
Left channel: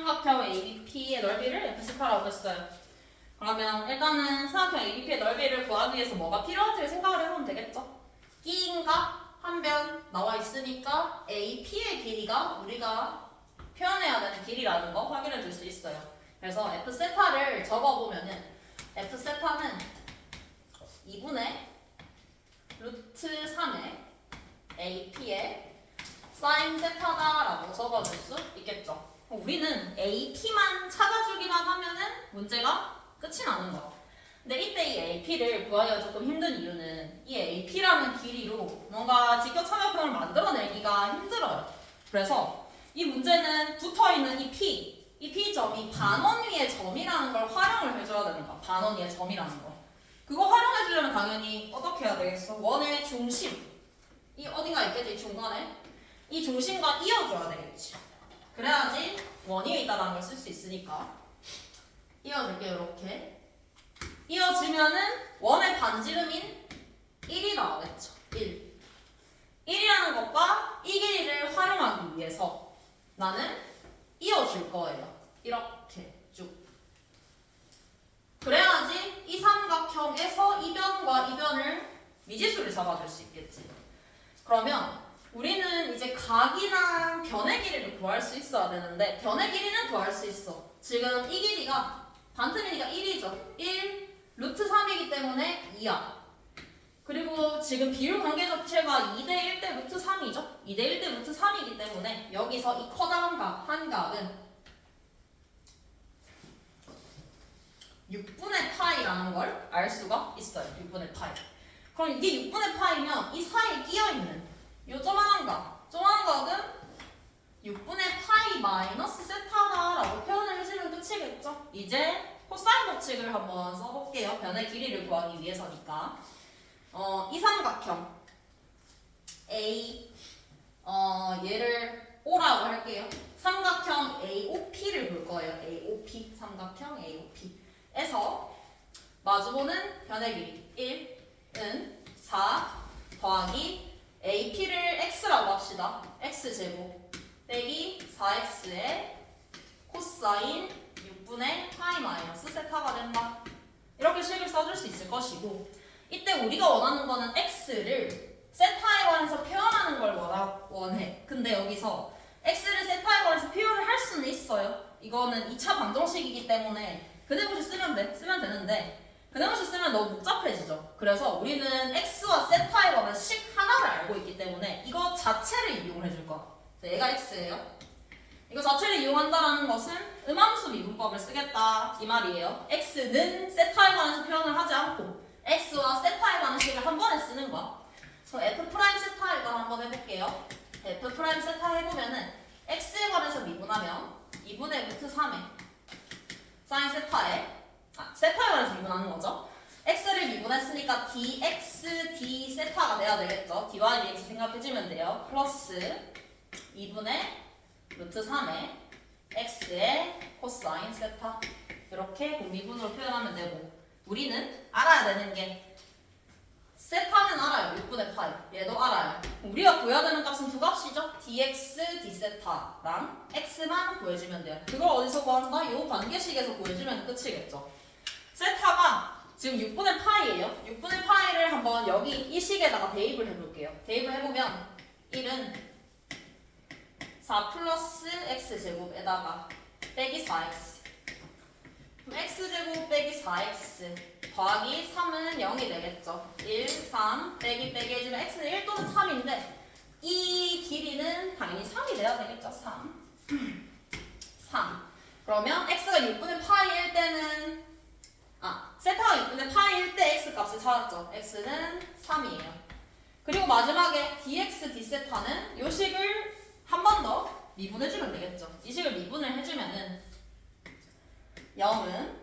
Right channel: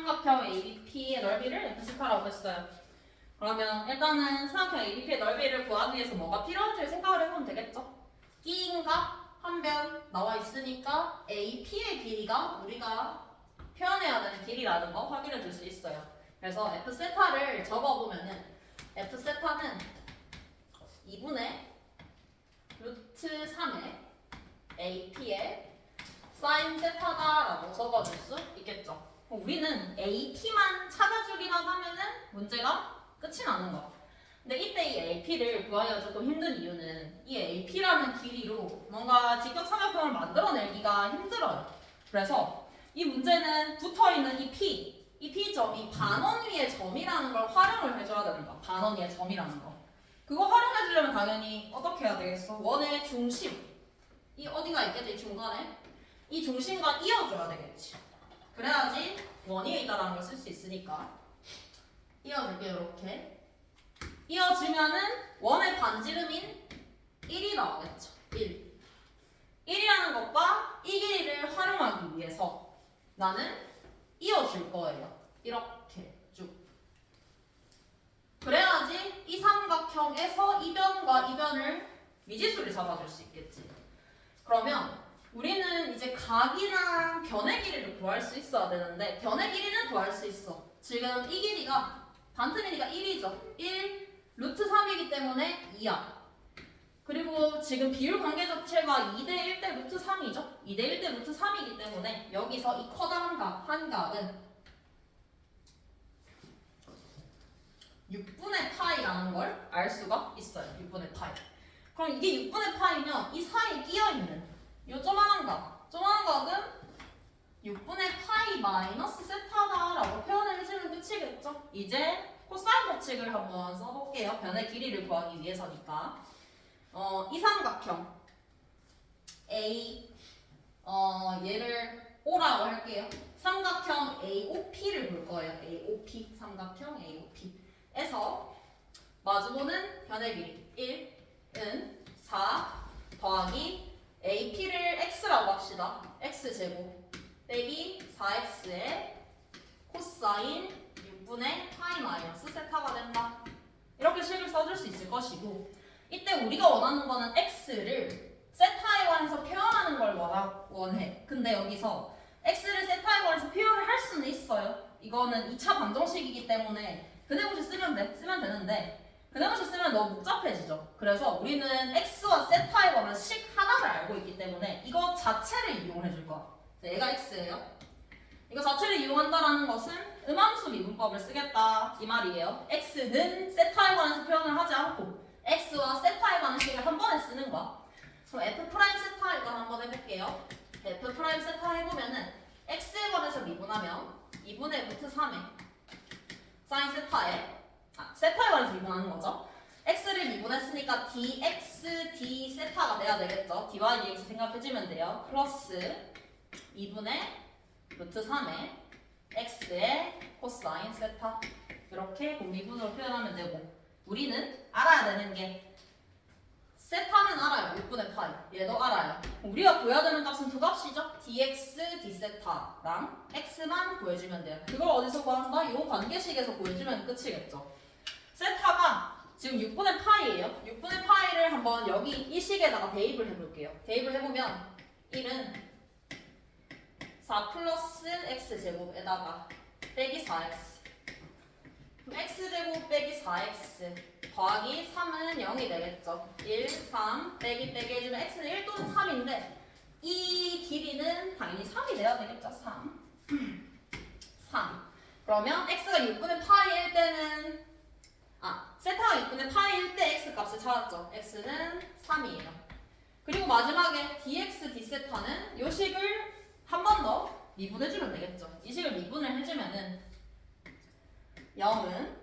삼각형 ABP의 넓이를 F세타라고 했어요. 그러면 일단은 삼각형 ABP의 넓이를 구하기 위해서 뭐가 필요한지 생각을 해보면 되겠죠. E인가 한 변 나와 있으니까 AP의 길이가 우리가 표현해야 되는 길이라는 거 확인해 줄 수 있어요. 그래서 F세타를 적어보면은 F세타는 2분의 루트 3의 AP의 사인 세타다라고 적어줄 수 있겠죠. 우리는 AP만 찾아주기만 하면은 문제가 끝이 나는 거야. 근데 이때 이 AP를 구하기가 조금 힘든 이유는 이 AP라는 길이로 뭔가 직격삼각형을 만들어내기가 힘들어요. 그래서 이 문제는 붙어있는 이 P점이 반원 위의 점이라는 걸 활용을 해줘야 되는 거야. 반원 위의 점이라는 거. 그거 활용해주려면 당연히 어떻게 해야 되겠어? 원의 중심. 이 어딘가 있겠지, 이 중간에. 이 중심과 이어줘야 되겠지. 그래야지 원위에 있다는 걸 쓸 수 있으니까. 이어줄게요, 이렇게. 이어지면은 원의 반지름인 1이 나오겠죠. 1. 1이라는 것과 이 길이를 활용하기 위해서 나는 이어줄 거예요. 이렇게 쭉. 그래야지 이 삼각형에서 이 변과 이 변을 미지수를 잡아줄 수 있겠지. 그러면 우리는 이제 각이나 변의 길이를 구할 수 있어야 되는데 변의 길이는 구할 수 있어. 지금 이 길이가 반트미니가 1이죠. 1 루트 3이기 때문에 2야. 그리고 지금 비율 관계 자체가 2대 1대 루트 3이죠. 2대 1대 루트 3이기 때문에 여기서 이 커다란 각, 한 각은 6분의 파이라는 걸 알 수가 있어요. 6분의 파이. 그럼 이게 6분의 파이면 이 사이에 끼어있는 요 조만한 각, 조만한 각은 6분의 파이 마이너스 세타다라고 표현을 해주면 끝이겠죠. 이제 코사인 법칙을 한번 써볼게요. 변의 길이를 구하기 위해서니까. 이 삼각형 A, 얘를 O라고 할게요. 삼각형 AOP를 볼 거예요. AOP, 삼각형 AOP에서 마주보는 변의 길이 1은 4 더하기 AP를 X라고 합시다. X제곱 빼기 4X의 코사인 6분의 파이 마이너스 세타가 된다. 이렇게 식을 써줄 수 있을 것이고 이때 우리가 원하는 거는 X를 세타에 관해서 표현하는 걸 원해. 근데 여기서 X를 세타에 관해서 표현을 할 수는 있어요. 이거는 2차 방정식이기 때문에 그네고시 쓰면 되는데 그네고시 쓰면 너무 복잡해지죠. 그래서 우리는 X와 세타에 관한 식 하나를 알고 있기 때문에 이거 자체를 이용을 해줄 거야. 얘가 X예요. 이거 자체를 이용한다는 것은 음함수 미분법을 쓰겠다 이 말이에요. X는 세타에 관해서 표현을 하지 않고 X와 세타에 관한 식을 한 번에 쓰는 거야. 그래서 F 프라임 세타 일단 한번 해볼게요. F 프라임 세타 해보면은 X에 관해서 미분하면 2분의 루트 3에 사인 세타에 세타에 관해서 미분하는 거죠. X를 미분했으니까 dx d 세타가 돼야 되겠죠. d와 dx 생각해주면 돼요. 플러스 2분의 루트 3의 x의 코사인 세타 이렇게 공미분으로 표현하면 되고 우리는 알아야 되는 게 세타는 알아요. 6분의 파이 얘도 알아요. 우리가 구해야 되는 값은 두 값이죠. dx d세타랑 x만 구해주면 돼요. 그걸 어디서 구한다? 이 관계식에서 구해주면 끝이겠죠. 세타가 지금 6분의 파이예요. 6분의 파이를 한번 여기 이 식에다가 대입을 해볼게요. 대입을 해보면 1은 4 플러스 x제곱에다가 빼기 4x 그럼 x제곱 빼기 4x 더하기 3은 0이 되겠죠. 1, 3 빼기 해주면 x는 1 또는 3인데 이 길이는 당연히 3이 돼야 되겠죠. 3 그러면 x가 6분의 파이일 때는 세타가 6분의 파이일 때 x 값을 찾았죠. x는 3이에요. 그리고 마지막에 dx d세타는 요 식을 한 번 더 미분해주면 되겠죠. 이 식을 미분을 해주면은 0은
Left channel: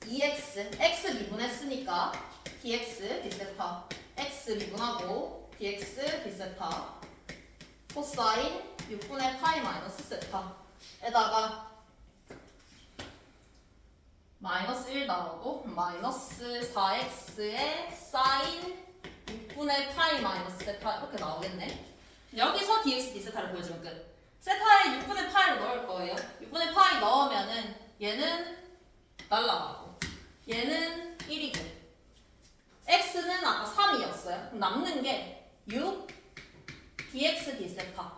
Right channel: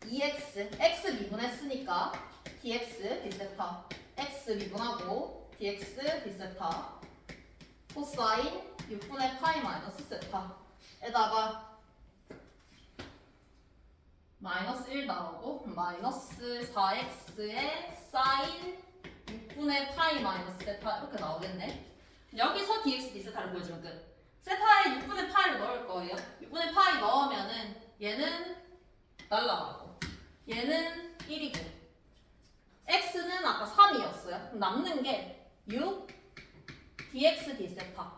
2x, x 미분했으니까 dx d세타 x 미분하고 dx d세타 코사인 6분의 파이 마이너스 세타에다가 마이너스 1 나오고 마이너스 4x의 사인 6분의 파이 마이너스 세타 이렇게 나오겠네. 여기서 dx d세타를 보여주면 끝. 세타에 6분의 파이를 넣을 거예요. 6분의 파이 넣으면은 얘는 날라가고 얘는 1이고 x는 아까 3이었어요. 그럼 남는 게 6 dx d세타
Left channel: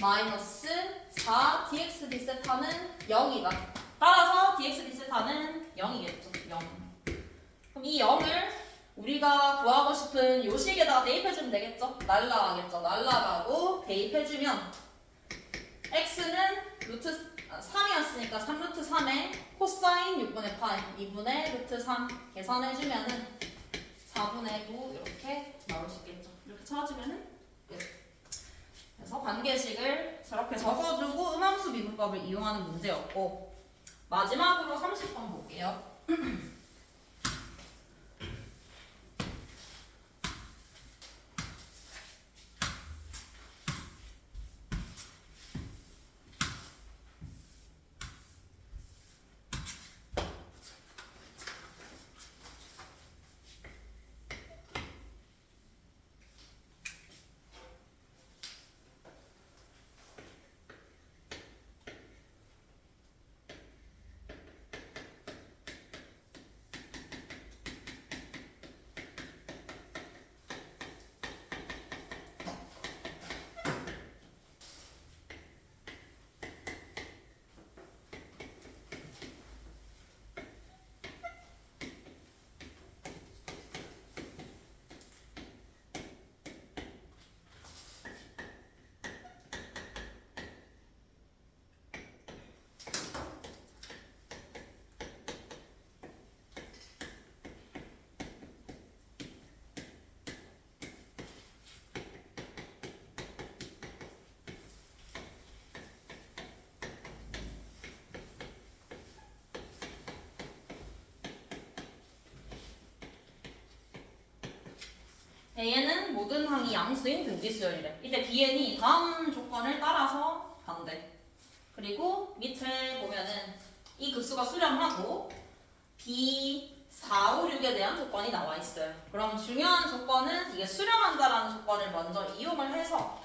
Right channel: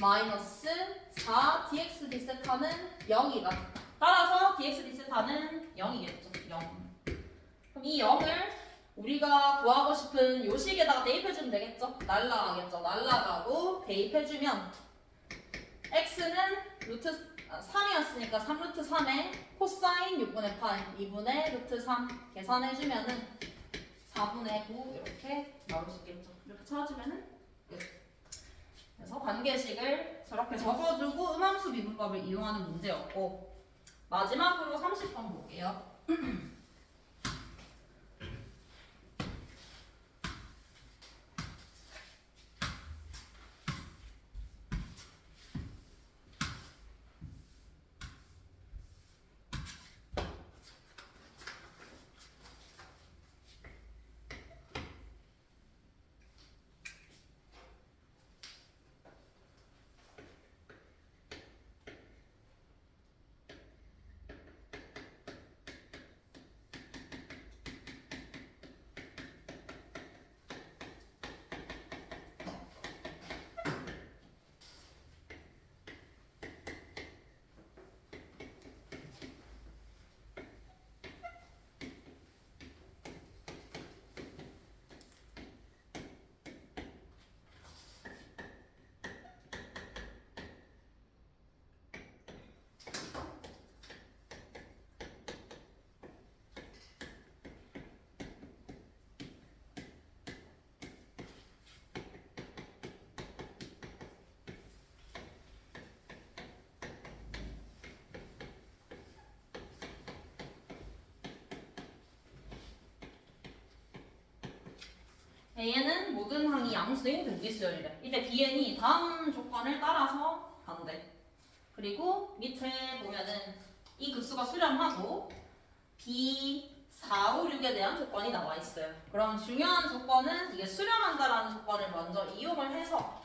마이너스 4 dx d세타는 0이다. 따라서 dx d세타는 0이겠죠. 0. 그럼 이 0을 우리가 구하고 싶은 요식에다가 대입해주면 되겠죠? 날라가겠죠. 날라가고 대입해주면 x는 루트 3이었으니까 3 루트 3에 코사인 6분의 파이 2분의 루트 3 계산해주면은 4분의 9 이렇게 나올 수 있겠죠. 이렇게 찾아주면은 끝. 그래서 관계식을 저렇게 적어주고 음함수 미분법을 이용하는 문제였고 마지막으로 30번 볼게요. A는 모든 항이 양수인 등비수열이래. 이때 Bn이 다음 조건을 따라서 반대. 그리고 밑에 보면은 이 급수가 수렴하고 B 4, 5, 6에 대한 조건이 나와 있어요. 그럼 중요한 조건은 이게 수렴한다라는 조건을 먼저 이용을 해서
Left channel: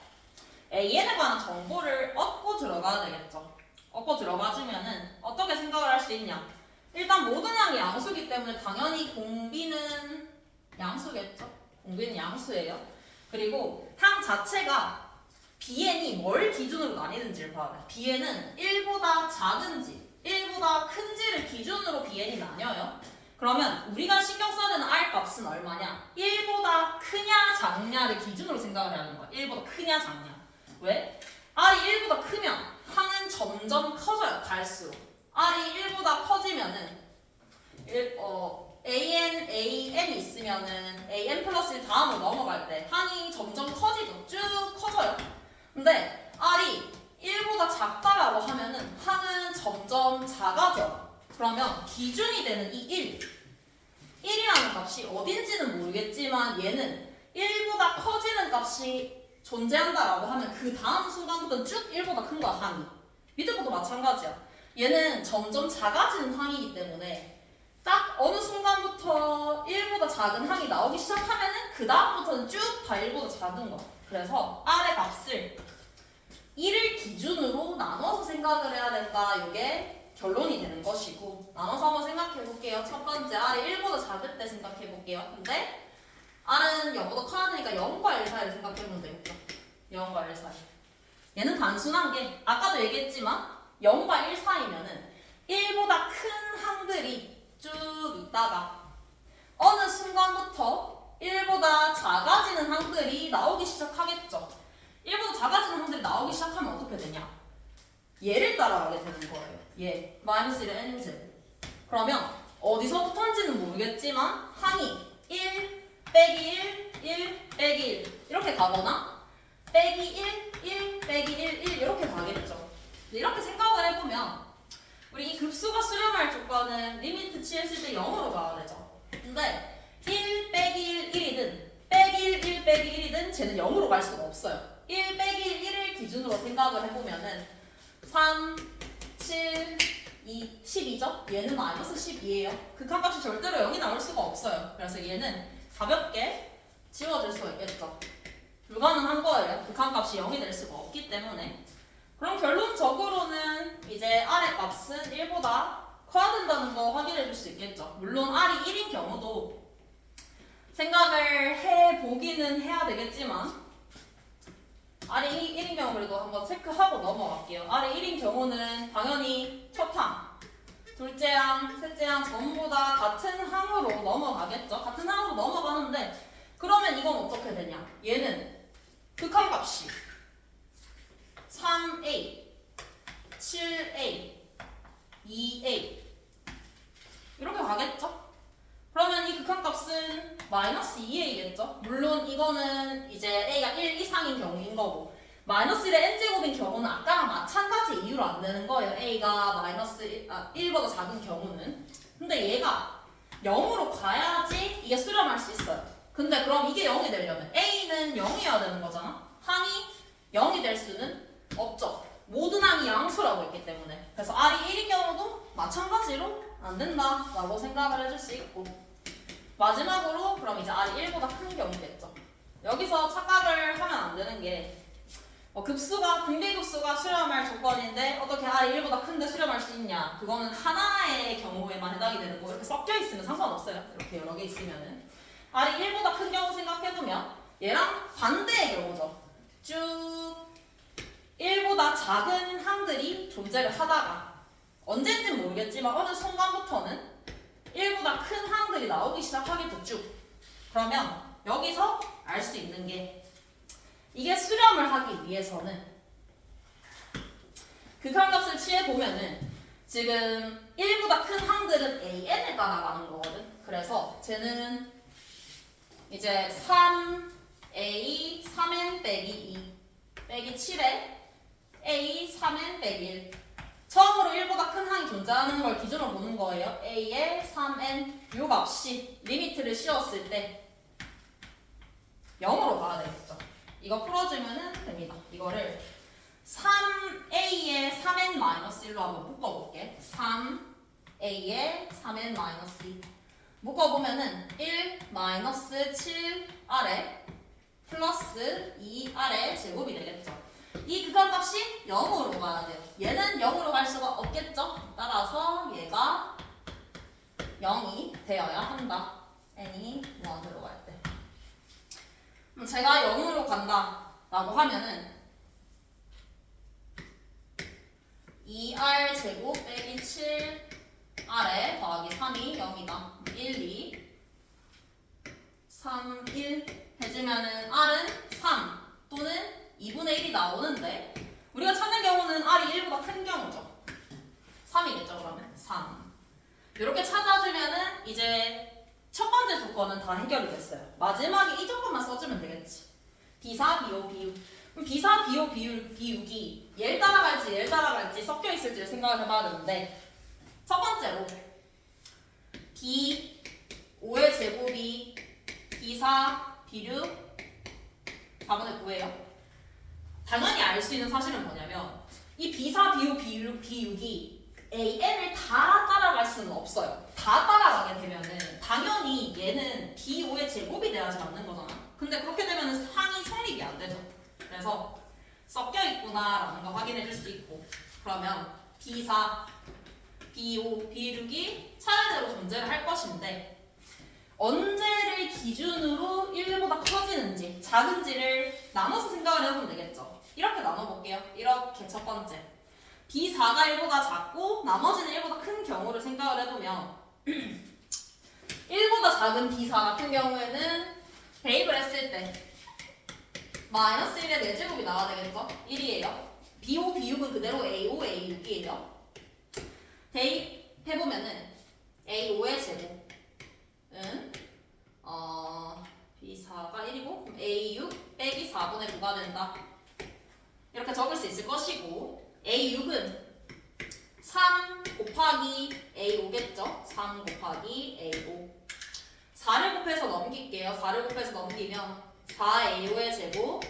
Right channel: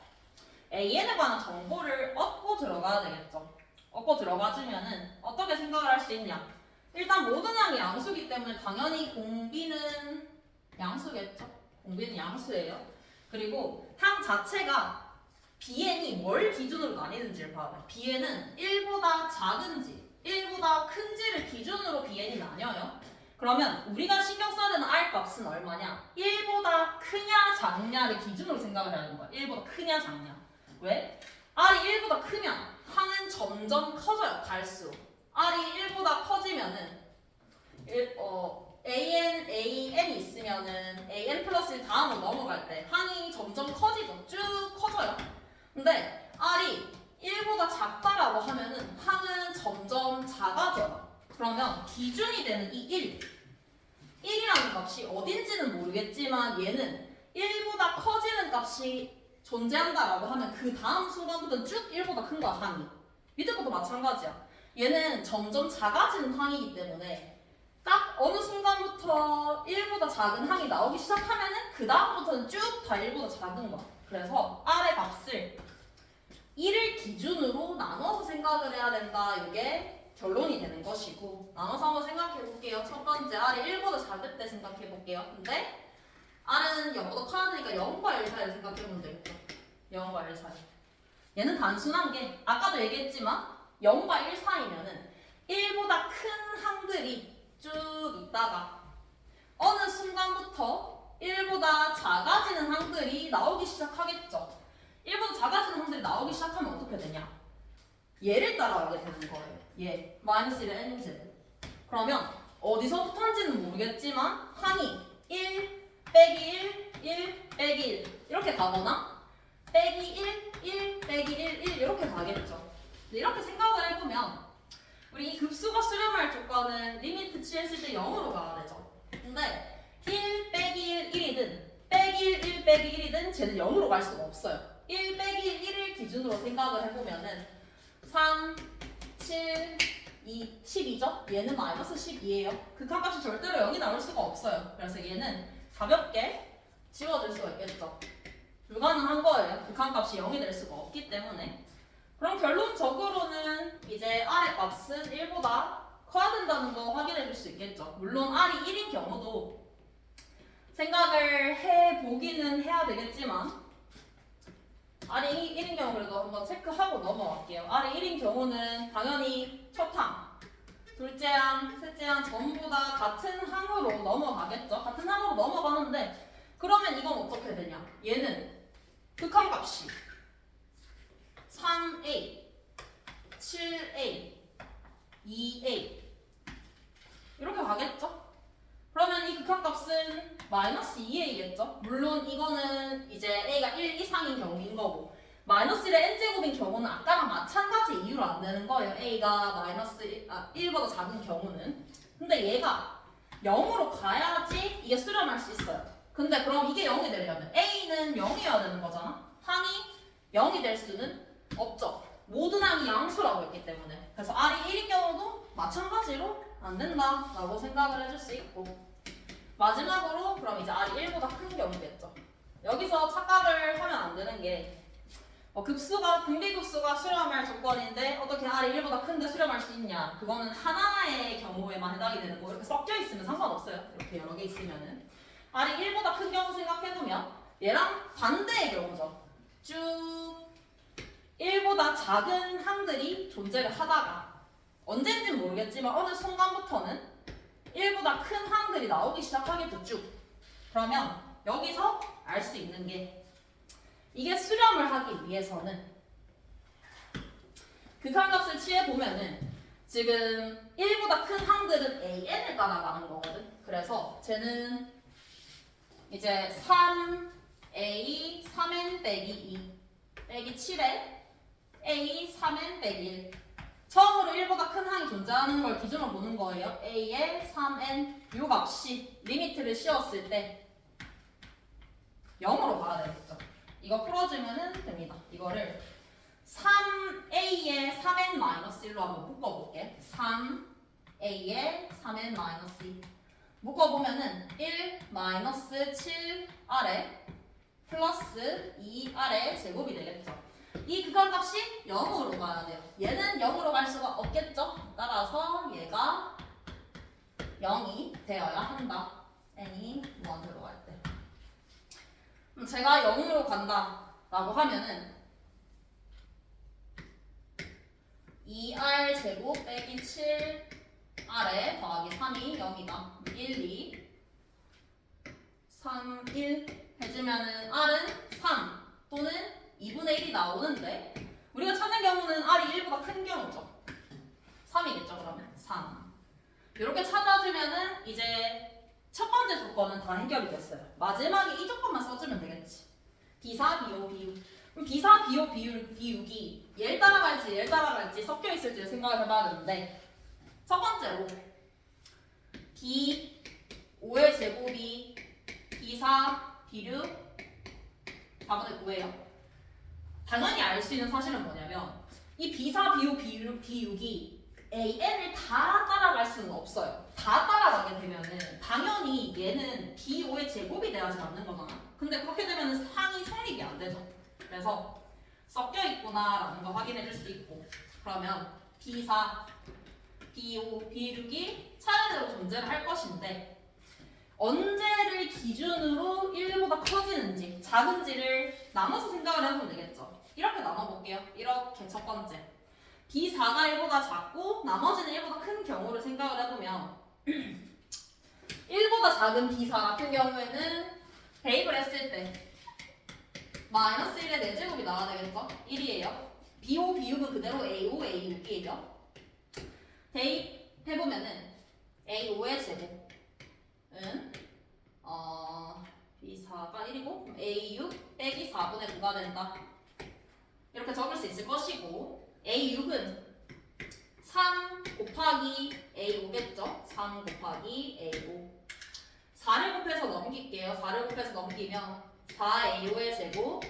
An에 관한 정보를 얻고 들어가야 되겠죠. 얻고 들어가주면은 어떻게 생각을 할 수 있냐? 일단 모든 항이 양수기 때문에 당연히 공비는 양수겠죠. 공비는 양수예요. 그리고 항 자체가 Bn이 뭘 기준으로 나뉘는지를 봐요. Bn은 1보다 작은지 1보다 큰지를 기준으로 Bn이 나뉘어요. 그러면 우리가 신경 써야 되는 R 값은 얼마냐? 1보다 크냐 작냐를 기준으로 생각을 해야 하는 거야. 1보다 크냐 작냐. 왜? R이 1보다 크면 항은 점점 커져요. 갈수록. R이 1보다 커지면은 AN이 있으면은 AN 플러스 1 다음으로 넘어갈 때 항이 점점 커지죠. 쭉 커져요. 근데 R이 1보다 작다라고 하면은 항은 점점 작아져요. 그러면 기준이 되는 이 1이라는 값이 어딘지는 모르겠지만 얘는 1보다 커지는 값이 존재한다라고 하면 그 다음 순간부터는 쭉 1보다 큰 거야, 항이. 밑에 것도 마찬가지야. 얘는 점점 작아지는 항이기 때문에 딱 어느 순간부터 1보다 작은 항이 나오기 시작하면은 그 다음부터는 쭉 다 1보다 작은 거야. 그래서 R의 값을 1을 기준으로 나눠서 생각을 해야 된다. 이게 결론이 되는 것이고 나눠서 한번 생각해 볼게요. 첫 번째 R이 1보다 작을 때 생각해 볼게요. 근데 R은 0보다 커야 되니까 0과 1 사이를 생각해 보면 되겠죠. 0과 1 사이. 얘는 단순한 게 아까도 얘기했지만 0과 1 사이면은 1보다 큰 항들이 쭉 있다가 어느 순간부터 1보다 작아지는 항들이 나오기 시작하겠죠. 1보다 작아지는 항들이 나오기 시작하면 어떻게 되냐? 얘를 따라가게 되는 거예요. 얘 마이너스 1의 nz. 그러면 어디서부터인지는 모르겠지만 항이 1 빼기 1 1 빼기 1 이렇게 가거나 빼기 1 1 빼기 1 1 이렇게 가겠죠. 이렇게 생각을 해보면 우리 이 급수가 수렴할 조건은 리미트 취했을 때 0으로 가야 되죠. 근데 1 빼기 1 1이든 빼기 1 1 빼기 1이든 쟤는 0으로 갈 수가 없어요. 1 빼기 1을 기준으로 생각을 해보면은 3, 7, 2, 12죠? 얘는 마이너스 12예요. 극한값이 절대로 0이 나올 수가 없어요. 그래서 얘는 가볍게 지워질 수가 있겠죠. 불가능한 거예요. 극한값이 0이 될 수가 없기 때문에. 그럼 결론적으로는 이제 R의 값은 1보다 커야 된다는 거 확인해 줄 수 있겠죠. 물론 R이 1인 경우도 생각을 해보기는 해야 되겠지만 R이 1인 경우 그래도 한번 체크하고 넘어갈게요. R이 1인 경우는 당연히 첫 항, 둘째 항, 셋째 항 전부 다 같은 항으로 넘어가겠죠. 같은 항으로 넘어가는데 그러면 이건 어떻게 되냐? 얘는 극한값이 3a, 7a, 2a 이렇게 가겠죠? 그러면 이 극한값은 마이너스 2a겠죠? 물론 이거는 이제 a가 1 이상인 경우인 거고 마이너스 1의 n제곱인 경우는 아까랑 마찬가지 이유로 안 되는 거예요. a가 마이너스 1보다 작은 경우는. 근데 얘가 0으로 가야지 이게 수렴할 수 있어요. 근데 그럼 이게 0이 되려면 a는 0이어야 되는 거잖아. 항이 0이 될 수는 없죠. 모든 항이 양수라고 했기 때문에. 그래서 R이 1인 경우도 마찬가지로 안 된다라고 생각을 해줄 수 있고 마지막으로 그럼 이제 R이 1보다 큰 경우겠죠. 여기서 착각을 하면 안 되는 게 급수가 등비급수가 수렴할 조건인데 어떻게 R이 1보다 큰데 수렴할 수 있냐? 그거는 하나의 경우에만 해당이 되는 거고 이렇게 섞여 있으면 상관없어요. 이렇게 여러 개 있으면은 R이 1보다 큰 경우 생각해두면 얘랑 반대의 경우죠. 쭉 1보다 작은 항들이 존재를 하다가 언젠지는 모르겠지만 어느 순간부터는 1보다 큰 항들이 나오기 시작하겠죠. 쭉. 그러면 여기서 알 수 있는 게 이게 수렴을 하기 위해서는 극한값을 취해보면은 지금 1보다 큰 항들은 an을 따라가는 거거든. 그래서 쟤는 이제 3a 3n 빼기 2 빼기 7에 a 3n 빼기 1 처음으로 1보다 큰 항이 존재하는 걸 기준으로 보는 거예요. a의 3n 요 값이 리미트를 씌웠을 때 0으로 가야 되겠죠. 이거 풀어주면 됩니다. 이거를 3a의 3n-1로 한번 묶어볼게. 3a의 3n-2 묶어보면은 1 7r에 플러스 2r의 제곱이 되겠죠. 이 극한값이 0으로 가야 돼요. 얘는 0으로 갈 수가 없겠죠. 따라서 얘가 0이 되어야 한다. n이 1으로 갈 때. 그럼 제가 0으로 간다 라고 하면은 2r 제곱 빼기 7r에 더하기 3이 0이다. 1, 2 3, 1 해주면은 r은 3 또는 2분의 1이 나오는데 우리가 찾는 경우는 r이 1보다 큰 경우죠. 3이겠죠. 그러면 3 이렇게 찾아주면은 이제 첫 번째 조건은 다 해결이 됐어요. 마지막에 이 조건만 써주면 되겠지. 비사, 비호, 비육. 그럼 비사, 비호, 비육이 얘를 따라갈지 얘를 따라갈지 섞여 있을지를 생각을 해봐야 되는데 첫 번째로 비 5의 제곱이 비사, 비육 4분의 9예요. 당연히 알 수 있는 사실은 뭐냐면 이 비사, 비호, 비육이 an을 다 따라갈 수는 없어요. 다 따라가게 되면은 당연히 얘는 b5의 제곱이 돼야지 맞는 거잖아. 근데 그렇게 되면은 항이 성립이 안 되죠. 그래서 섞여 있구나라는 거 확인해 줄 수 있고 그러면 b4, b5, b6이 차례대로 존재를 할 것인데 언제를 기준으로 1보다 커지는지 작은지를 나눠서 생각을 해보면 되겠죠. 이렇게 나눠볼게요. 이렇게 첫 번째 B4가 1보다 작고 나머지는 1보다 큰 경우를 생각을 해보면 1보다 작은 B4 같은 경우에는 대입을 했을 때 마이너스 1의 4제곱이 나와야 되겠죠? 1이에요. B5, B6은 그대로 A5, A6이에요. 대입해보면은 A5의 제곱은 B4가 1이고 A6 빼기 4분의 9가 된다. 이렇게 적을 수 있을 것이고 A6은 3 곱하기 A5겠죠? 3 곱하기 A5 4를 곱해서 넘길게요. 4를 곱해서 넘기면 4A5의 제곱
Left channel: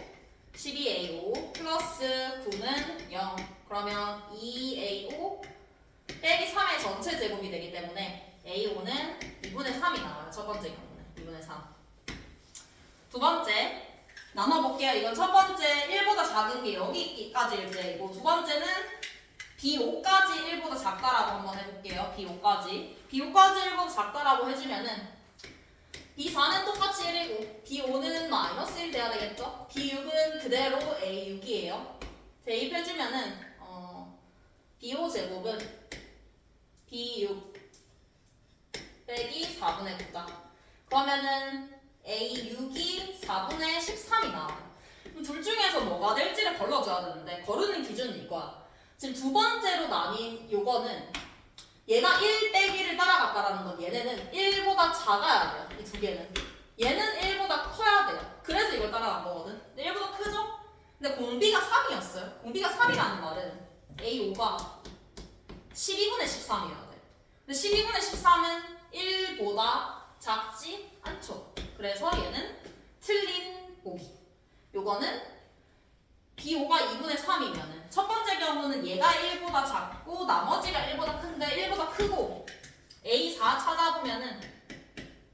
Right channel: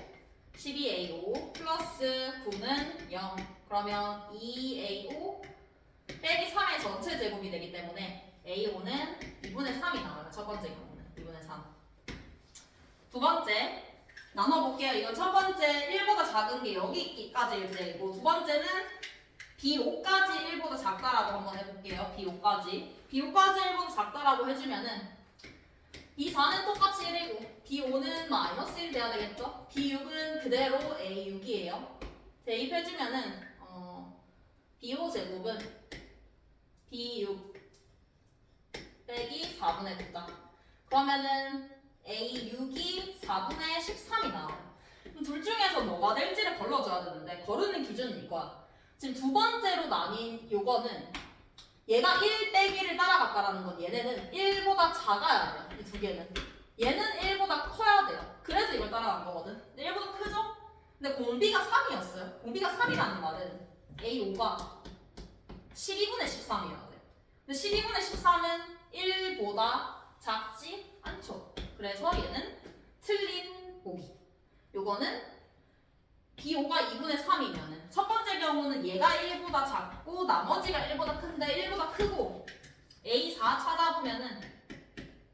12A5 플러스 9는 0 그러면 2A5 빼기 3의 전체 제곱이 되기 때문에 A5는 2분의 3이 나와요. 첫 번째 경우는 2분의 3 두 번째 나눠볼게요. 이건 첫 번째 1보다 작은 게 여기까지일 때이고 두 번째는 B5까지 1보다 작다라고 한번 해볼게요. B5까지. B5까지 1보다 작다라고 해주면은 B4는 똑같이 1이고 B5는 마이너스 1 돼야 되겠죠? B6은 그대로 A6이에요. 대입해주면은 B5 제곱은 B6 빼기 4분의 9다. 그러면은 A6이 4분의 13이 나와요. 둘 중에서 뭐가 될지를 걸러줘야 되는데 거르는 기준은 이거야. 지금 두 번째로 나뉜 요거는 얘가 1 빼기를 따라갔다라는 건 얘네는 1보다 작아야 돼요. 이 두 개는. 얘는 1보다 커야 돼요. 그래서 이걸 따라간 거거든. 근데 1보다 크죠? 근데 공비가 3이었어요. 공비가 3이라는 말은 A5가 12분의 13이어야 돼. 근데 12분의 13은 1보다 작지 않죠. 그래서 얘는 틀린 보기. 요거는 B5가 2분의 3이면은 첫 번째 경우는 얘가 1보다 작고 나머지가 1보다 큰데 1보다 크고 A4 찾아보면은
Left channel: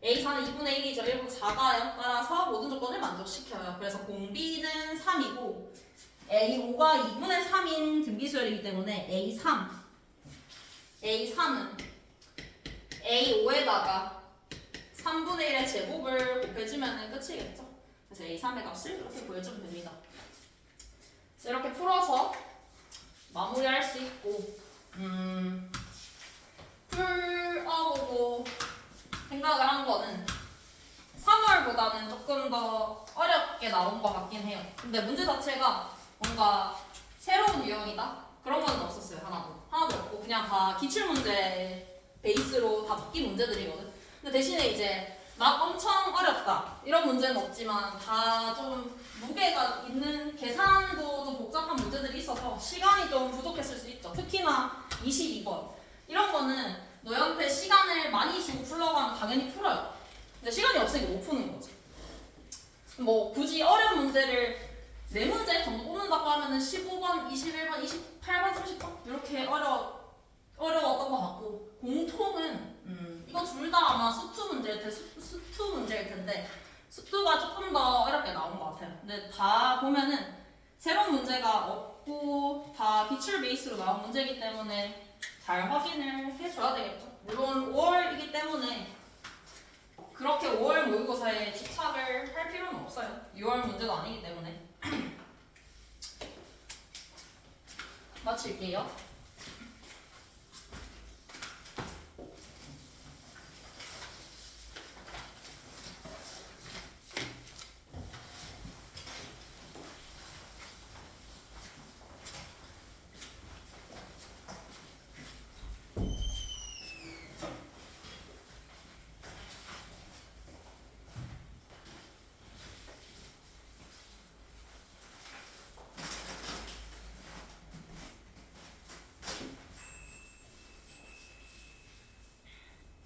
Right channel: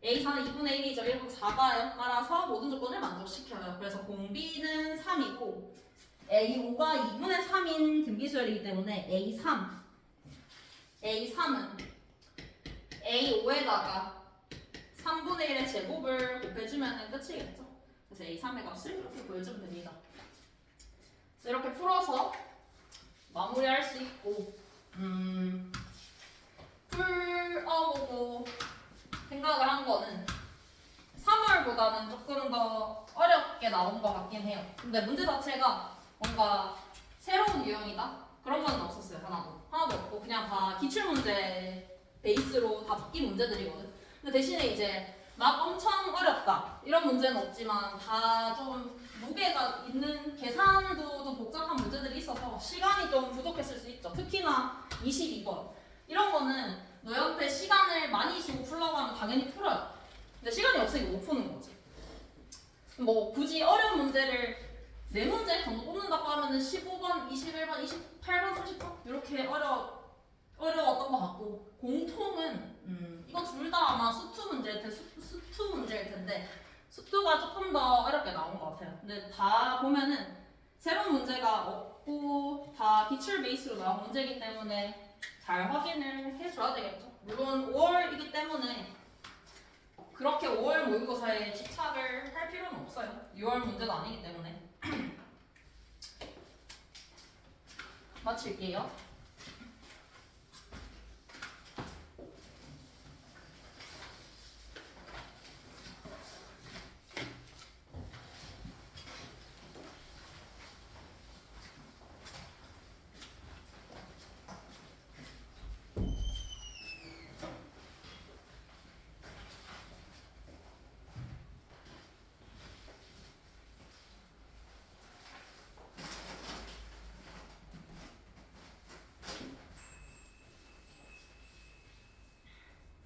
A4는 2분의 1이죠. 1보다 작아요. 따라서 모든 조건을 만족시켜요. 그래서 공비는 3이고 A5가 2분의 3인 등비수열이기 때문에 A3은 A5에다가 3분의 1의 제곱을 곱해주면 끝이겠죠. 그래서 A3의 값을 이렇게 보여주면 됩니다. 이렇게 풀어서 마무리할 수 있고 풀어보고 생각을 한 거는 3월보다는 조금 더 어렵게 나온 것 같긴 해요. 근데 문제 자체가 뭔가 새로운 유형이다? 그런 건 없었어요. 하나도 없고 그냥 다 기출문제 베이스로 다 바뀐 문제들이거든. 근데 대신에 이제 막 엄청 어렵다 이런 문제는 없지만 다 좀 무게가 있는 계산도 좀 복잡한 문제들이 있어서 시간이 좀 부족했을 수 있죠. 특히나 22번 이런 거는 너희한테 시간을 많이 주고 풀라고 하면 당연히 풀어요. 근데 시간이 없으니까 못 푸는 거지. 뭐 굳이 어려운 문제를 4문제 정도 뽑는다고 하면은 15번, 21번, 28번, 30번 이렇게 어려웠던 것 같고 공통은 이건 둘 다 아마 수투 문제일 텐데 수투가 조금 더 어렵게 나온 것 같아요. 근데 다 보면은 새로운 문제가 없고 다 기출 베이스로 나온 문제이기 때문에 잘 확인을 해줘야 되겠죠. 물론 5월이기 때문에 그렇게 5월 모의고사에 집착을 할 필요는 없어요. 6월 문제도 아니기 때문에. 마칠게요.